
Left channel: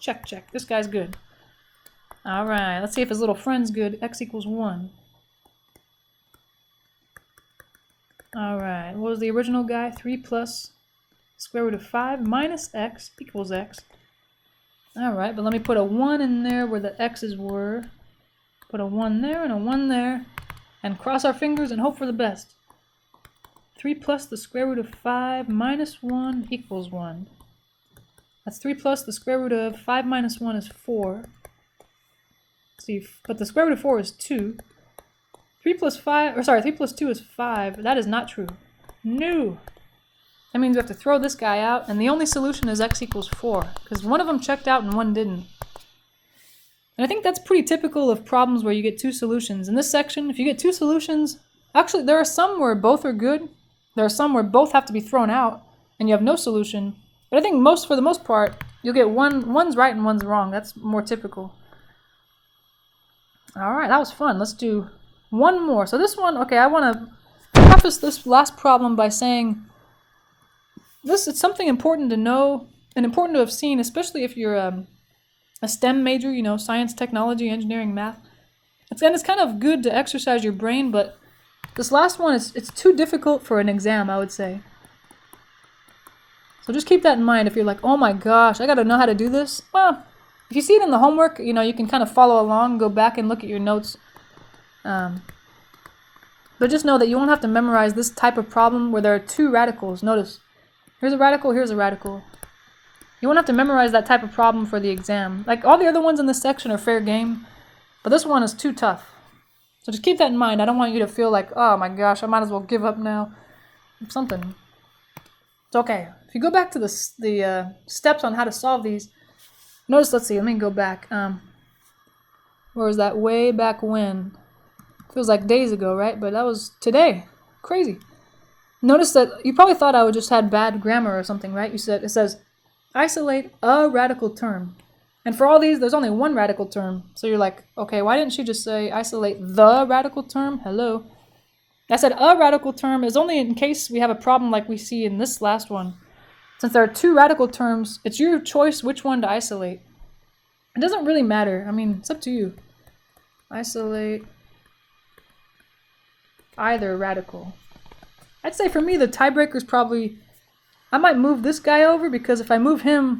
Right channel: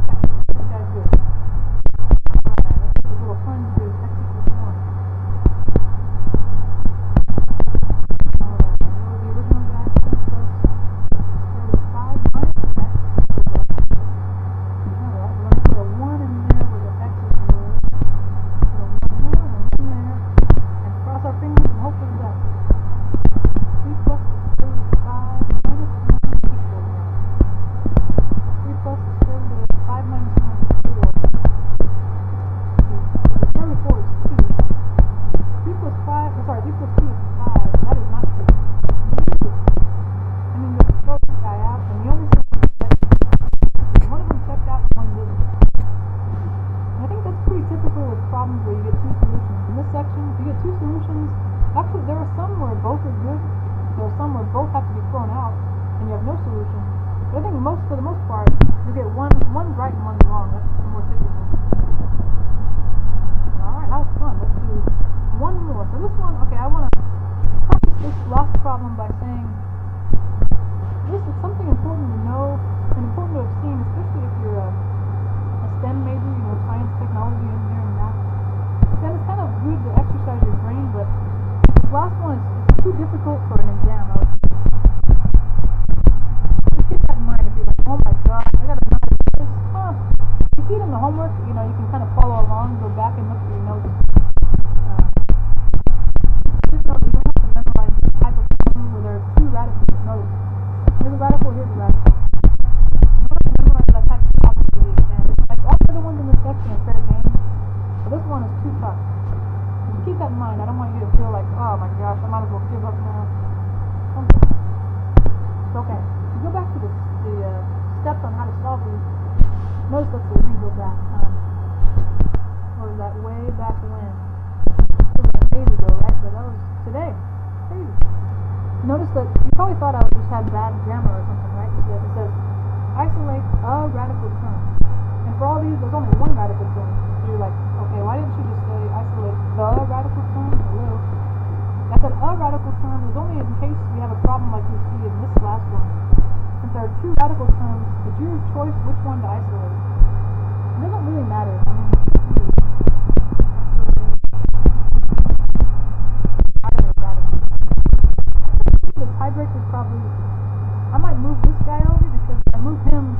Check, check. This guy's good. Alright, let's see if his little friend's good. X equals 1. Alright, what was the original guy? 3 plus square root of 5 minus x equals x. Alright, but let me put a 1 in there where the x's were. Put a 1 there and a 1 there. And cross our fingers and hope for the best. 3 plus the square root of 5 minus 1 equals 1. That's 3 plus the square root of 5 minus 1 is 4. See, but the square root of 4 is 2. 3 plus 2 is 5. That is not true. No! That means we have to throw this guy out, and the only solution is x equals 4, because one of them checked out and one didn't. And I think that's pretty typical of problems where you get two solutions. In this section, if you get two solutions, actually there are some where both are good, there are some where both have to be thrown out, and you have no solution. But I think for the most part, you'll get one's right and one's wrong. That's more typical. Alright, that was fun. Let's do one more. So this one, okay, I want to preface this last problem by saying this is something important to know and important to have seen, especially if you're a STEM major, you know, science, technology, engineering, math. It's kind of good to exercise your brain, but this last one it's too difficult for an exam, I would say. So just keep that in mind. If you're like, oh my gosh, I gotta know how to do this. Well, if you see it in the homework, you can kind of follow along, go back and look at your notes. But just know that you won't have to memorize this type of problem where there are two radicals. Notice, here's a radical, here's a radical. You won't have to memorize that type of problem for the exam. Like all the other ones in this section are fair game, but this one is too tough. So just keep that in mind. I don't want you to feel like, oh my gosh, I might as well give up now. Something. It's okay. If you go back to the steps on how to solve these, notice, let's see, let me go back. Where was that? Way back when. Feels like days ago, right? But that was today. Crazy. Notice that you probably thought I would just had bad grammar or something, right? It says, isolate a radical term. And for all these, there's only one radical term. So you're like, okay, why didn't she just say isolate the radical term? Hello. I said a radical term is only in case we have a problem like we see in this last one. Since there are two radical terms, it's your choice which one to isolate. It doesn't really matter. I mean, it's up to you. Isolate either radical. I'd say for me, the tiebreaker is probably, I might move this guy over because if I move him,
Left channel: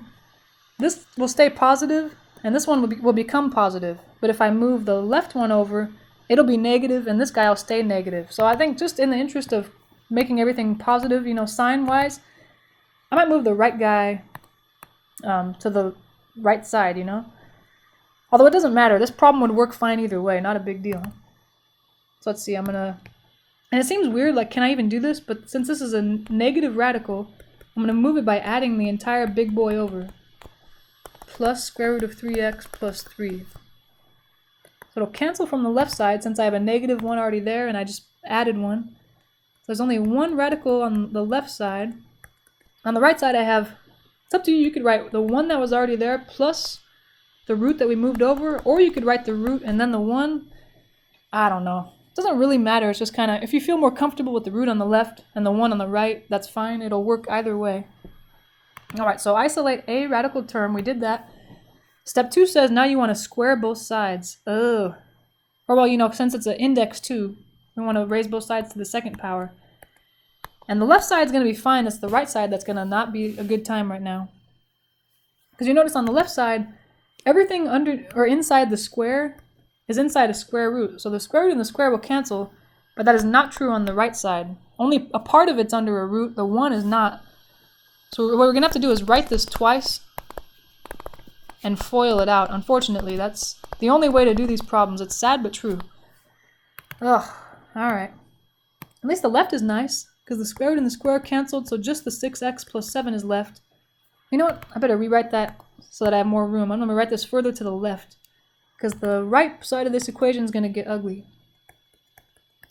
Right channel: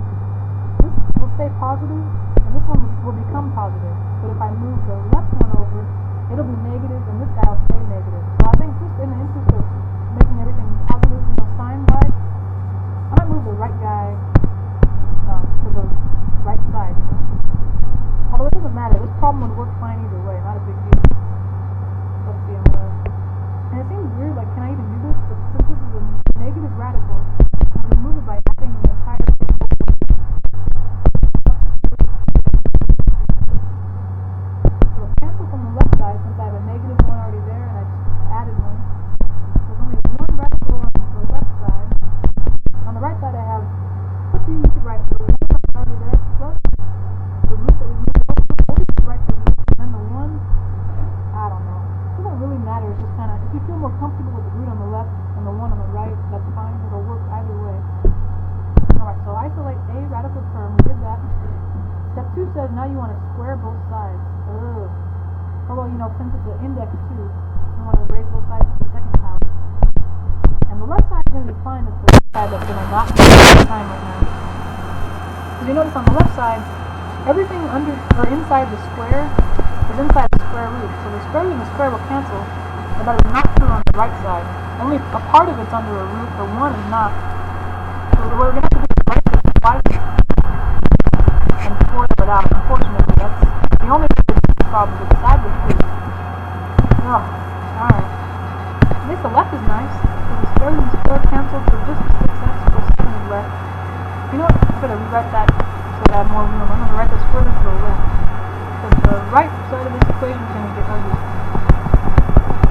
this will stay positive and this one will become positive. But if I move the left one over, it'll be negative and this guy will stay negative. So I think just in the interest of making everything positive, sign-wise, I might move the right guy to the right side, Although it doesn't matter. This problem would work fine either way. Not a big deal. So let's see. And it seems weird, like, can I even do this? But since this is a negative radical, I'm going to move it by adding the entire big boy over. Plus square root of 3x plus 3. So it'll cancel from the left side since I have a negative one already there and I just added one. So there's only one radical on the left side. On the right side I have, it's up to you, you could write the one that was already there plus the root that we moved over, or you could write the root and then the one, I don't know. It doesn't really matter, it's just kind of, if you feel more comfortable with the root on the left and the one on the right, that's fine, it'll work either way. Alright, so isolate a radical term, we did that. Step 2 says now you want to square both sides. Ugh. Or well, since it's an index 2, we want to raise both sides to the second power. And the left side is going to be fine, it's the right side that's going to not be at the time right now. Because you notice on the left side, everything under or inside the square is inside a square root. So the square root and the square will cancel, but that is not true on the right side. Only a part of it's under a root, the one is not. So what we're going to have to do is write this twice and FOIL it out. Unfortunately, that's the only way to do these problems. It's sad but true. Ugh, alright. At least the left is nice, because the square root and the square canceled, so just the 6x plus 7 is left. You know what? I better rewrite that so that I have more room. I'm going to write this further to the left, because the right side of this equation is going to get ugly.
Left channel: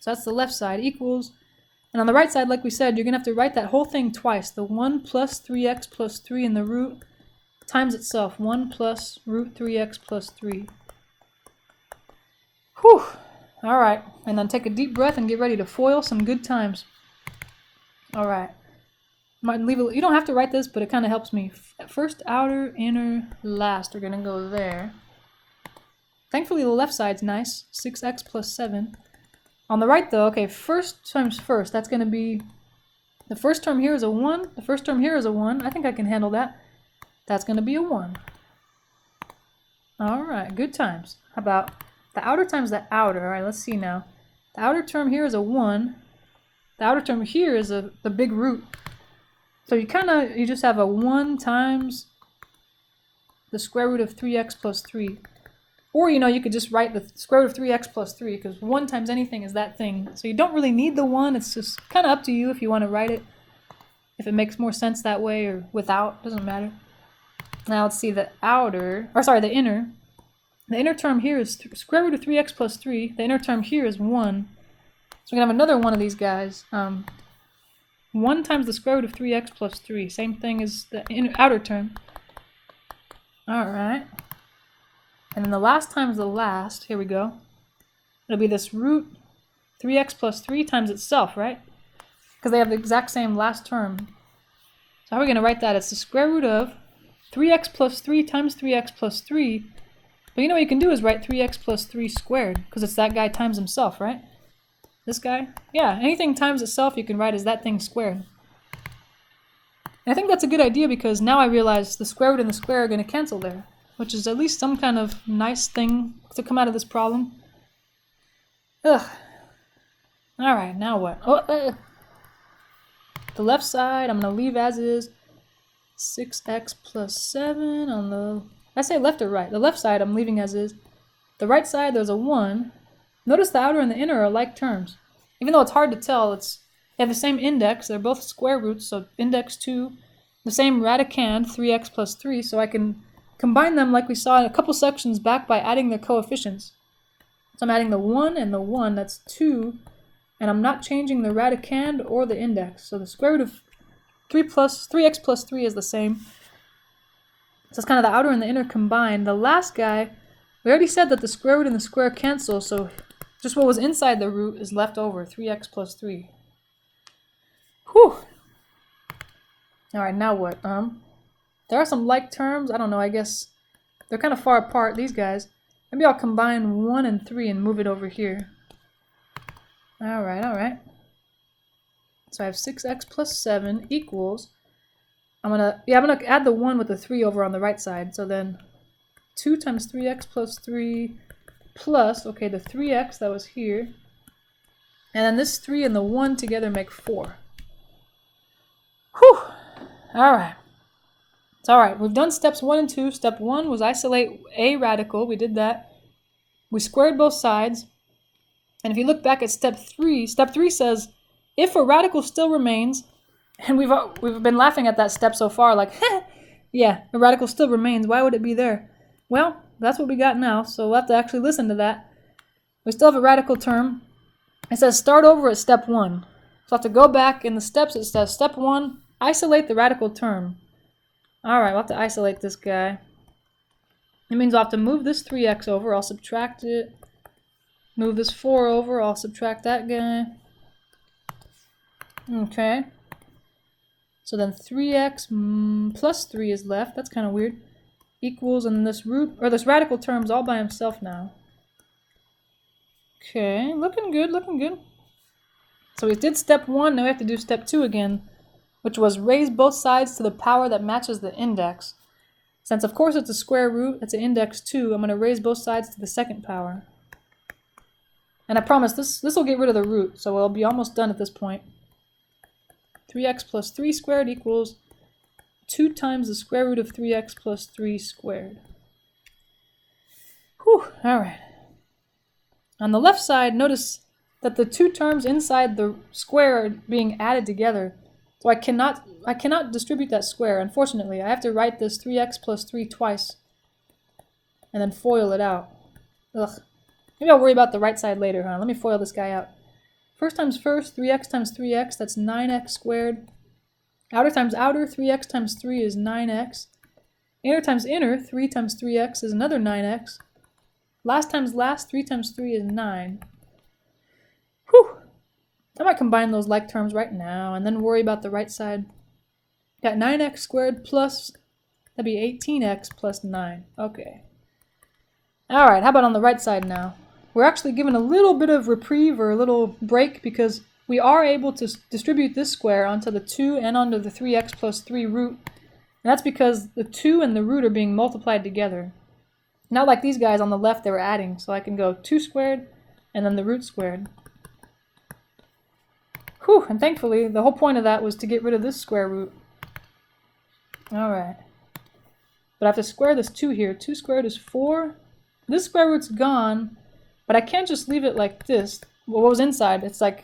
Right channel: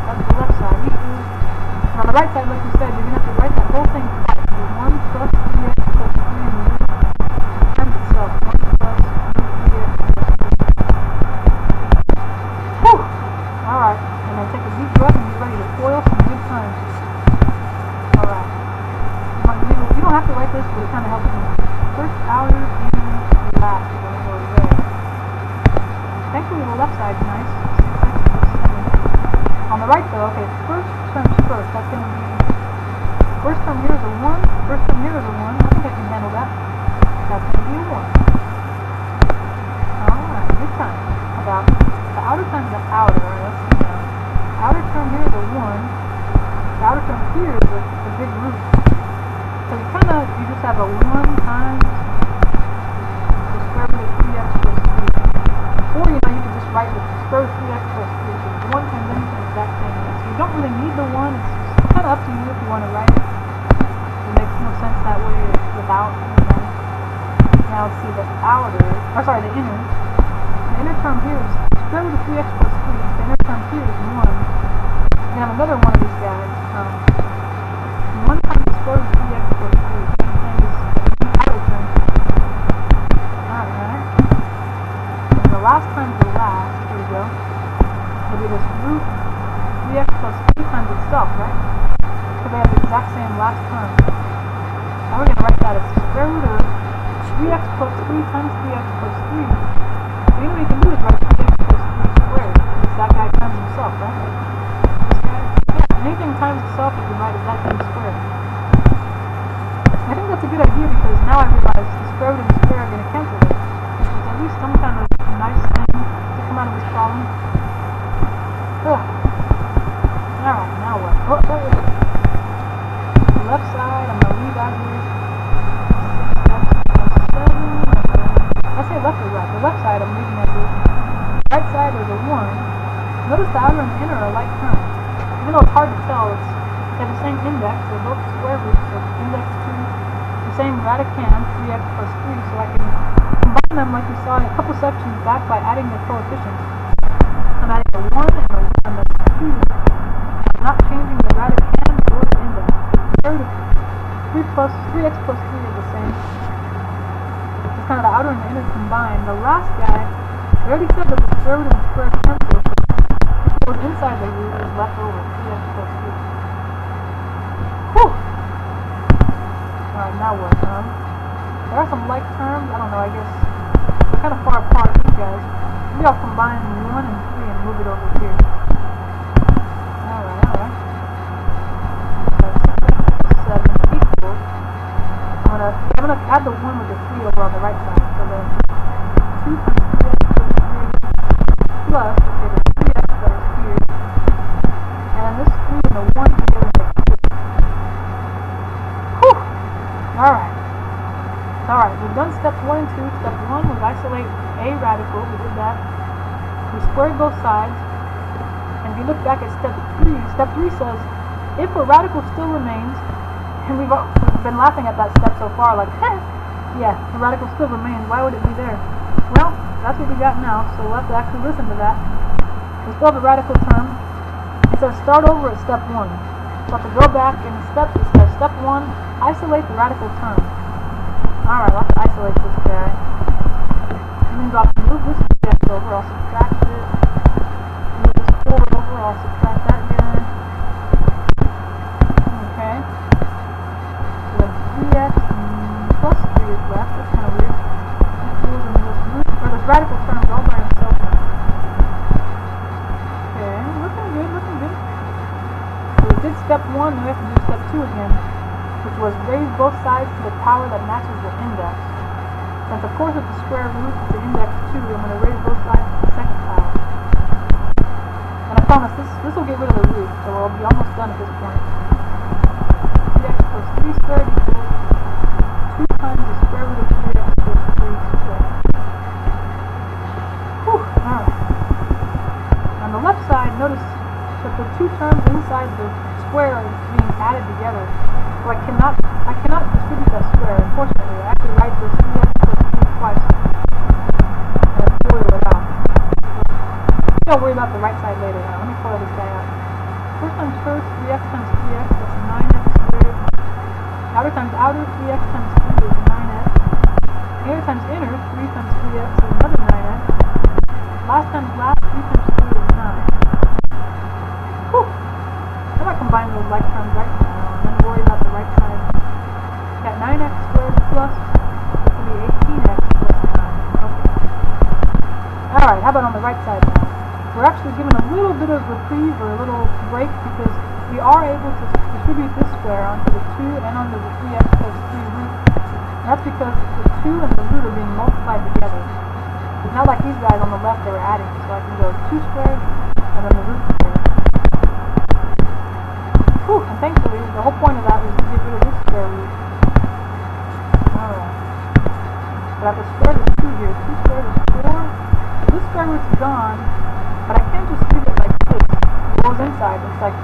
So that's the left side, equals. And on the right side, like we said, you're going to have to write that whole thing twice. The 1 plus 3x plus 3 in the root times itself. 1 plus root 3x plus 3. Whew! Alright. And then take a deep breath and get ready to FOIL some good times. Alright. You don't have to write this, but it kind of helps me. First, outer, inner, last. We're going to go there. Thankfully, the left side's nice. 6x plus 7. On the right, though, okay, first terms first. That's going to be... The first term here is a 1. The first term here is a 1. I think I can handle that. That's going to be a 1. Alright, good times. How about the outer times the outer? Alright, let's see now. The outer term here is a 1. The outer term here is the big root. So you just have a 1 times the square root of 3x plus 3. Or, you could just write the square root of 3x plus 3, because 1 times anything is that thing. So you don't really need the 1, it's just kind of up to you if you want to write it. If it makes more sense that way or without, doesn't matter. Now let's see the the inner. The inner term here is square root of 3x plus 3. The inner term here is 1. So we're going to have another one of these guys. 1 times the square root of 3x plus 3. Same thing as the outer term. Alright. And the last times the last, here we go. It'll be this root 3x plus 3 times itself, right? Because they have the exact same last term. So how are we going to write that? It's the square root of 3x plus 3 times 3x plus 3. But you know what you can do is write 3x plus 3 squared, because it's that guy times himself, right? This guy? Yeah, anything times itself you can write as that thing squared. And I think that's a good idea because now I realize the square root and the square are going to cancel there, which is at least some kind of nice thing to come out of this problem. Ugh. Alright, now what? Oh, the left side I'm going to leave as is. 6x plus 7 on the... I say left or right. The left side I'm leaving as is. The right side there's a 1. Notice the outer and the inner are like terms. Even though it's hard to tell, they have the same index. They're both square roots, so index 2, the same radicand, 3x plus 3, so I can combine them like we saw in a couple sections back by adding their coefficients. So I'm adding the 1 and the 1, that's 2, and I'm not changing the radicand or the index. So the square root of 3x plus 3 is the same. So it's kind of the outer and the inner combined. The last guy, we already said that the square root and the square cancel, so just what was inside the root is left over, 3x plus 3. Whew! Alright, now what? There are some like terms, I don't know, I guess they're kind of far apart, these guys. Maybe I'll combine 1 and 3 and move it over here. Alright. So I have 6x plus 7 equals, I'm gonna add the 1 with the 3 over on the right side, so then 2 times 3x plus 3 plus, okay, the 3x that was here, and then this 3 and the 1 together make 4. Whew! Alright. It's alright. We've done steps 1 and 2. Step 1 was isolate a radical. We did that. We squared both sides. And if you look back at step 3 says, if a radical still remains, and we've been laughing at that step so far, like, yeah, the radical still remains. Why would it be there? Well, that's what we got now, so we'll have to actually listen to that. We still have a radical term. It says start over at step 1. So we'll have to go back in the steps. It says step 1, isolate the radical term. Alright, we'll have to isolate this guy. It means I'll have to move this 3x over, I'll subtract it. Move this 4 over, I'll subtract that guy. Okay. So then 3x plus 3 is left, that's kind of weird. Equals, and then this root, or this radical term's all by himself now. Okay, looking good. So we did step 1, now we have to do step 2 again, which was raise both sides to the power that matches the index. Since of course it's a square root, it's an index 2, I'm going to raise both sides to the second power. And I promise this will get rid of the root, so we'll be almost done at this point. 3x plus 3 squared equals 2 times the square root of 3x plus 3 squared. Whew, alright. On the left side, notice that the two terms inside the square are being added together. So I cannot distribute that square, unfortunately. I have to write this 3x plus 3 twice, and then FOIL it out. Ugh. Maybe I'll worry about the right side later. Let me FOIL this guy out. First times first, 3x times 3x, that's 9x squared. Outer times outer, 3x times 3 is 9x. Inner times inner, 3 times 3x is another 9x. Last times last, 3 times 3 is 9. Whew! I might combine those like terms right now, and then worry about the right side. Got 9x squared plus, that'd be 18x plus 9. Okay. Alright, how about on the right side now? We're actually given a little bit of reprieve, or a little break, because we are able to distribute this square onto the 2 and onto the 3x plus 3 root. And that's because the 2 and the root are being multiplied together. Not like these guys on the left that are adding, so I can go 2 squared and then the root squared. Whew, and thankfully, the whole point of that was to get rid of this square root. Alright. But I have to square this 2 here. 2 squared is 4. This square root's gone, but I can't just leave it like this. What was inside, it's like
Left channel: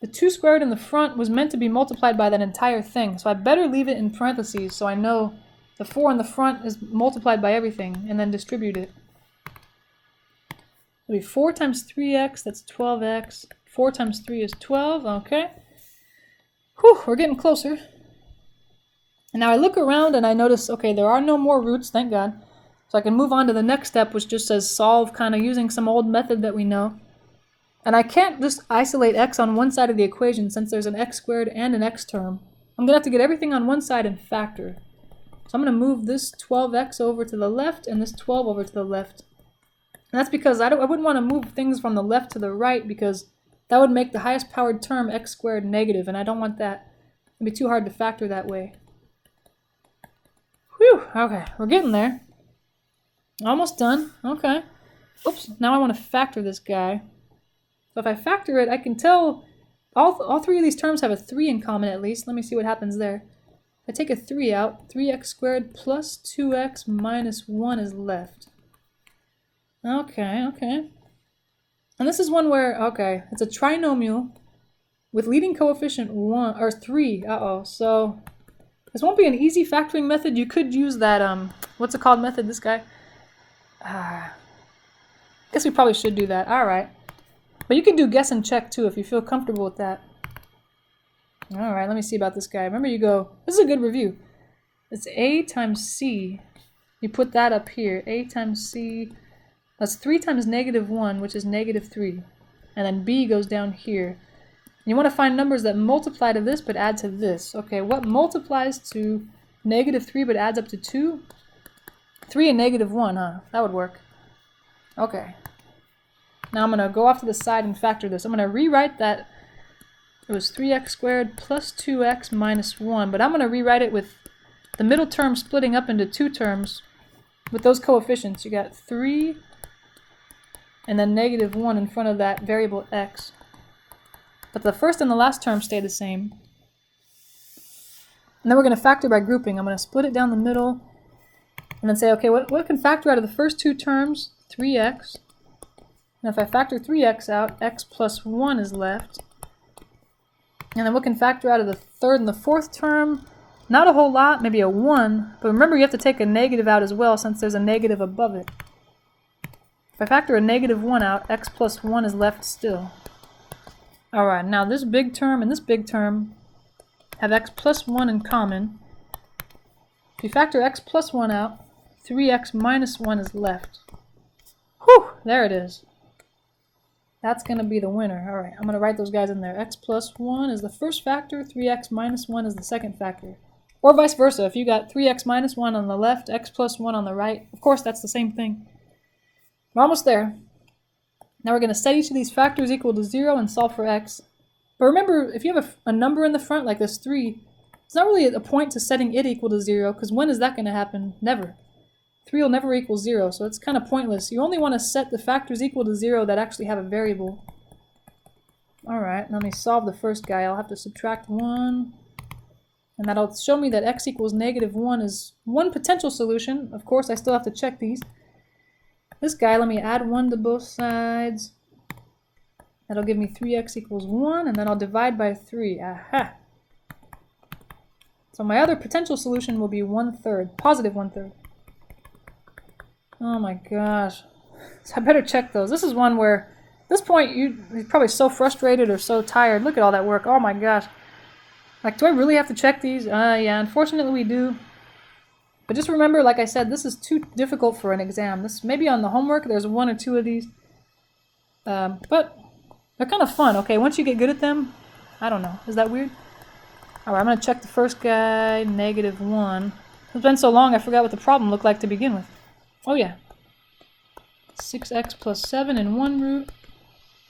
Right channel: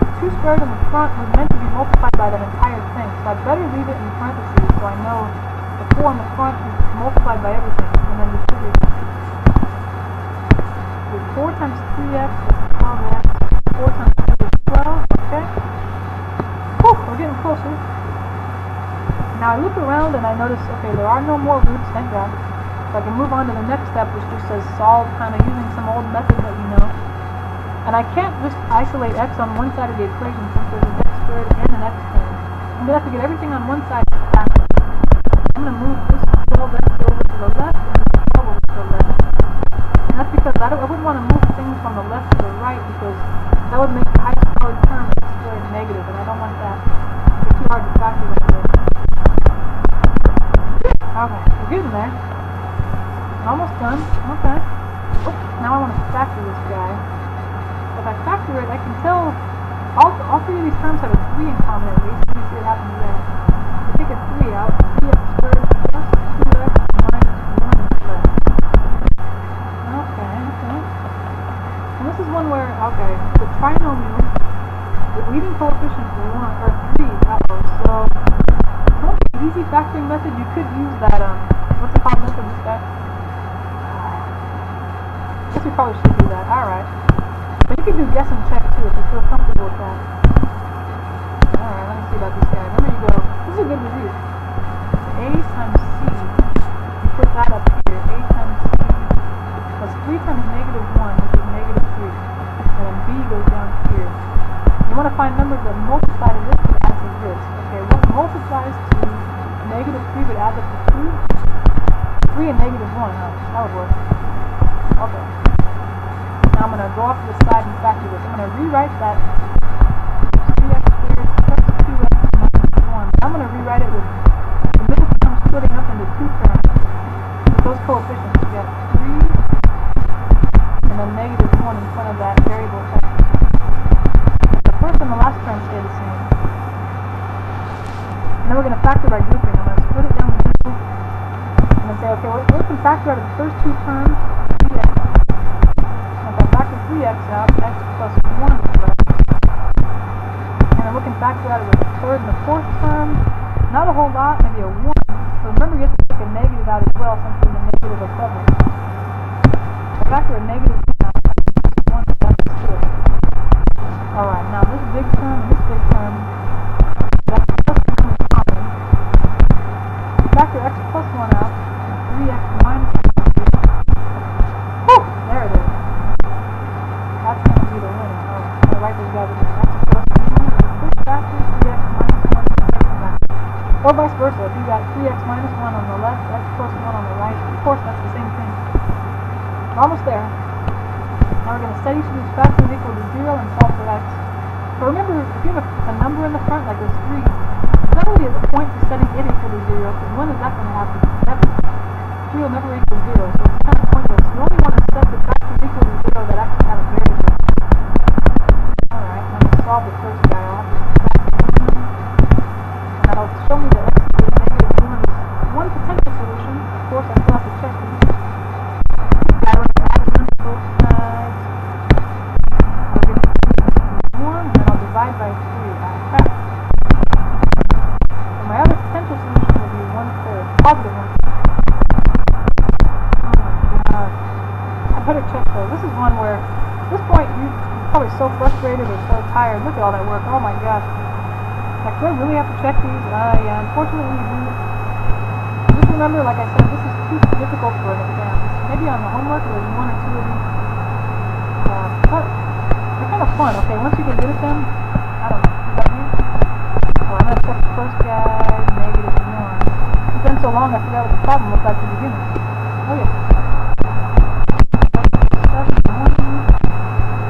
the 2 squared in the front was meant to be multiplied by that entire thing, so I better leave it in parentheses so I know the 4 in the front is multiplied by everything, and then distributed. We have 4 times 3x, that's 12x. 4 times 3 is 12, okay. Whew, we're getting closer. Now I look around and I notice, okay, there are no more roots, thank God. So I can move on to the next step, which just says solve, kind of using some old method that we know. And I can't just isolate x on one side of the equation since there's an x squared and an x term. I'm going to have to get everything on one side and factor it. So I'm I'm going to move this 12x over to the left and this 12 over to the left. And that's because I wouldn't want to move things from the left to the right, because that would make the highest powered term x squared negative, and I don't want that. It would be too hard to factor that way. Whew, okay, we're getting there. Almost done. Okay. Oops, now I want to factor this guy. If I factor it, I can tell all three of these terms have a 3 in common at least. Let me see what happens there. I take a 3 out. 3x squared plus 2x minus 1 is left. Okay. And this is one where, okay, it's a trinomial with leading coefficient 1, or 3. So this won't be an easy factoring method. You could use that, what's it called method, this guy? I guess we probably should do that. Alright. But you can do guess and check too if you feel comfortable with that. Alright, let me see about this guy. Remember, you go, this is a good review. It's A times C. You put that up here. A times C. That's 3 times negative 1, which is negative 3. And then B goes down here. You want to find numbers that multiply to this but add to this. Okay, what multiplies to negative 3 but adds up to 2? 3 and negative 1, huh? That would work. Okay. Now I'm going to go off to the side and factor this. I'm going to rewrite that. It was 3x squared plus 2x minus 1. But I'm going to rewrite it with the middle term splitting up into 2 terms with those coefficients. You got 3 and then negative 1 in front of that variable x. But the first and the last term stay the same. And then we're going to factor by grouping. I'm going to split it down the middle and then say, okay, what can factor out of the first 2 terms? 3x. And if I factor 3x out, x plus 1 is left. And then what can factor out of the third and the fourth term? Not a whole lot, maybe a 1. But remember, you have to take a negative out as well since there's a negative above it. If I factor a negative 1 out, x plus 1 is left still. Alright, now this big term and this big term have x plus 1 in common. If you factor x plus 1 out, 3x minus 1 is left. Whew! There it is. That's going to be the winner. Alright, I'm going to write those guys in there. X plus 1 is the first factor, 3x minus 1 is the second factor. Or vice versa. If you got 3x minus 1 on the left, x plus 1 on the right, of course that's the same thing. We're almost there. Now we're going to set each of these factors equal to 0 and solve for x. But remember, if you have a number in the front like this 3, it's not really a point to setting it equal to 0, because when is that going to happen? Never. 3 will never equal 0, so it's kind of pointless. You only want to set the factors equal to 0 that actually have a variable. Alright, let me solve the first guy. I'll have to subtract 1. And that'll show me that x equals negative 1 is one potential solution. Of course, I still have to check these. This guy, let me add 1 to both sides. That'll give me 3x equals 1, and then I'll divide by 3. Aha! So my other potential solution will be 1/3, positive 1/3. Oh my gosh. So I better check those. This is one where, at this point, you're probably so frustrated or so tired. Look at all that work. Oh my gosh. Like, do I really have to check these? Yeah, unfortunately we do. But just remember, like I said, this is too difficult for an exam. Maybe on the homework there's 1 or 2 of these. But they're kind of fun, okay? Once you get good at them, I don't know. Is that weird? Alright, I'm going to check the first guy, negative 1. It's been so long I forgot what the problem looked like to begin with. Oh yeah. 6x plus 7 in one root,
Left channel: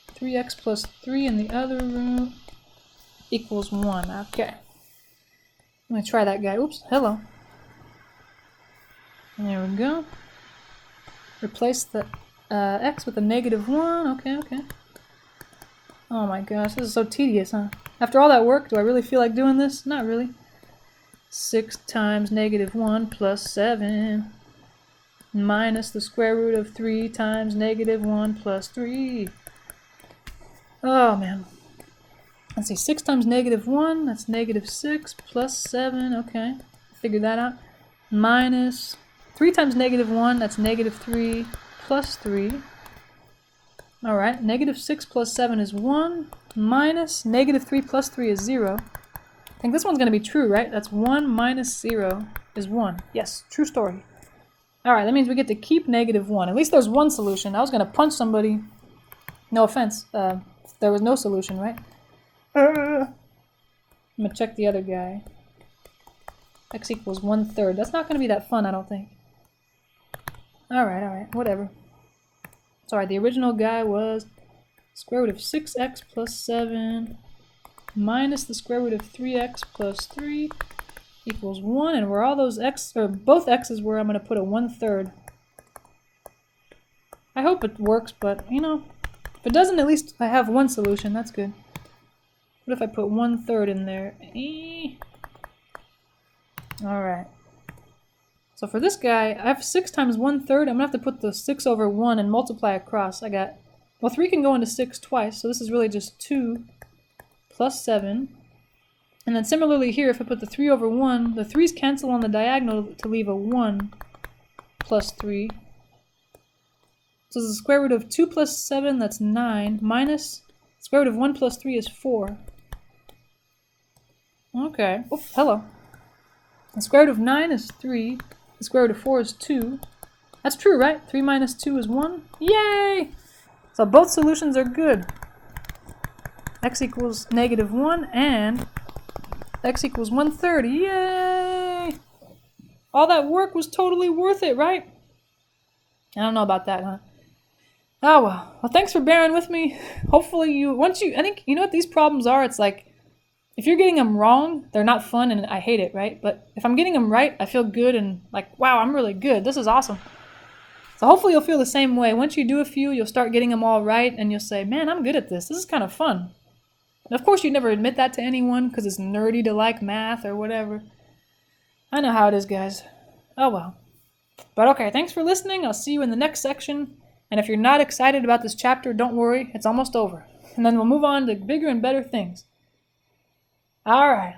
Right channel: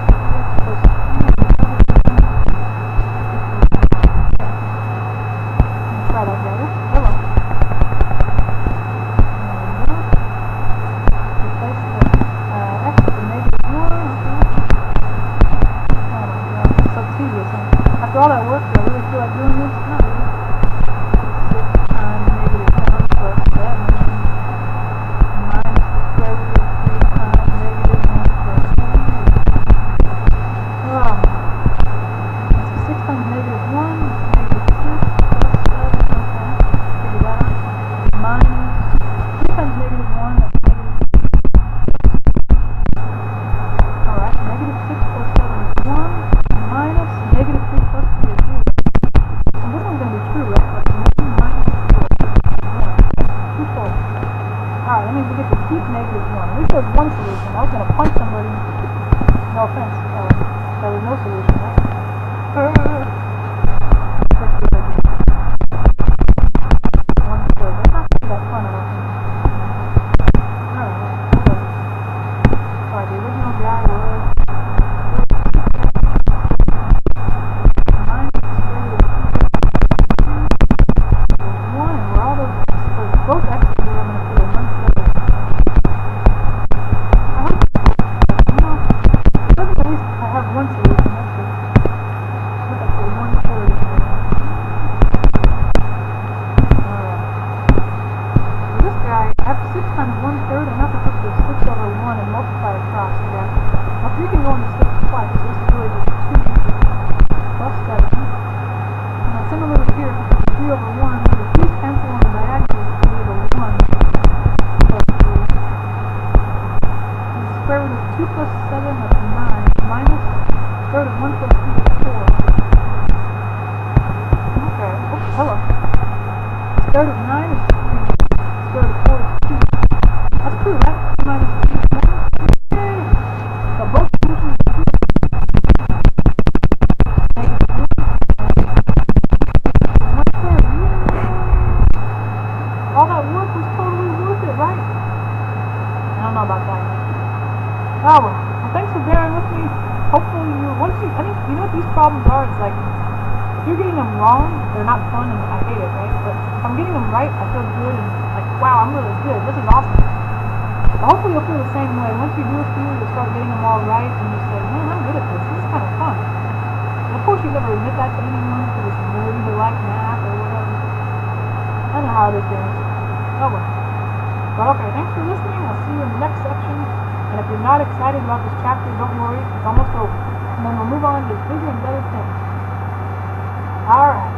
3x plus 3 in the other root, equals 1. Okay. I'm going to try that guy. Oops, hello. There we go. Replace the x with a negative 1. Okay. Oh my gosh, this is so tedious, huh? After all that work, do I really feel like doing this? Not really. 6 times negative 1 plus 7 minus the square root of 3 times negative 1 plus 3. Oh man. Let's see, 6 times negative 1, that's negative 6 plus 7, okay. Figure that out. Minus 3 times negative 1, that's negative 3 plus 3. Alright, negative 6 plus 7 is 1, minus negative 3 plus 3 is 0. I think this one's going to be true, right? That's 1 minus 0 is 1. Yes, true story. Alright, that means we get to keep negative 1. At least there's one solution. I was going to punch somebody. No offense. There was no solution, right? I'm going to check the other guy. X equals 1/3. That's not going to be that fun, I don't think. Alright, whatever. Sorry, the original guy was square root of 6x plus 7 minus the square root of 3x plus 3 equals 1, and where all those x, or both x's were, I'm going to put a 1/3. I hope it works, but, if it doesn't, at least I have one solution. That's good. What if I put 1/3 in there? Alright. So for this guy, I have 6 times 1/3. I'm going to have to put the 6 over 1 and multiply across. I got, 3 can go into 6 twice, so this is really just 2 plus 7. And then similarly here, if I put the 3 over 1, the 3's cancel on the diagonal to leave a 1 plus 3. So the square root of 2 plus 7, that's 9, minus the square root of 1 plus 3 is 4. Okay. Oh, hello. The square root of 9 is 3. The square root of 4 is 2. That's true, right? 3 minus 2 is 1. Yay! So both solutions are good. X equals -1 and x equals 1/3. Yay! All that work was totally worth it, right? I don't know about that, huh? Oh well. Well, thanks for bearing with me. Hopefully I think, you know what these problems are? It's like, if you're getting them wrong, they're not fun and I hate it, right? But if I'm getting them right, I feel good and like, wow, I'm really good. This is awesome. So hopefully you'll feel the same way. Once you do a few, you'll start getting them all right and you'll say, man, I'm good at this. This is kind of fun. And of course, you never admit that to anyone because it's nerdy to like math or whatever. I know how it is, guys. Oh well. But okay, thanks for listening. I'll see you in the next section. And if you're not excited about this chapter, don't worry. It's almost over. And then we'll move on to bigger and better things. Alright.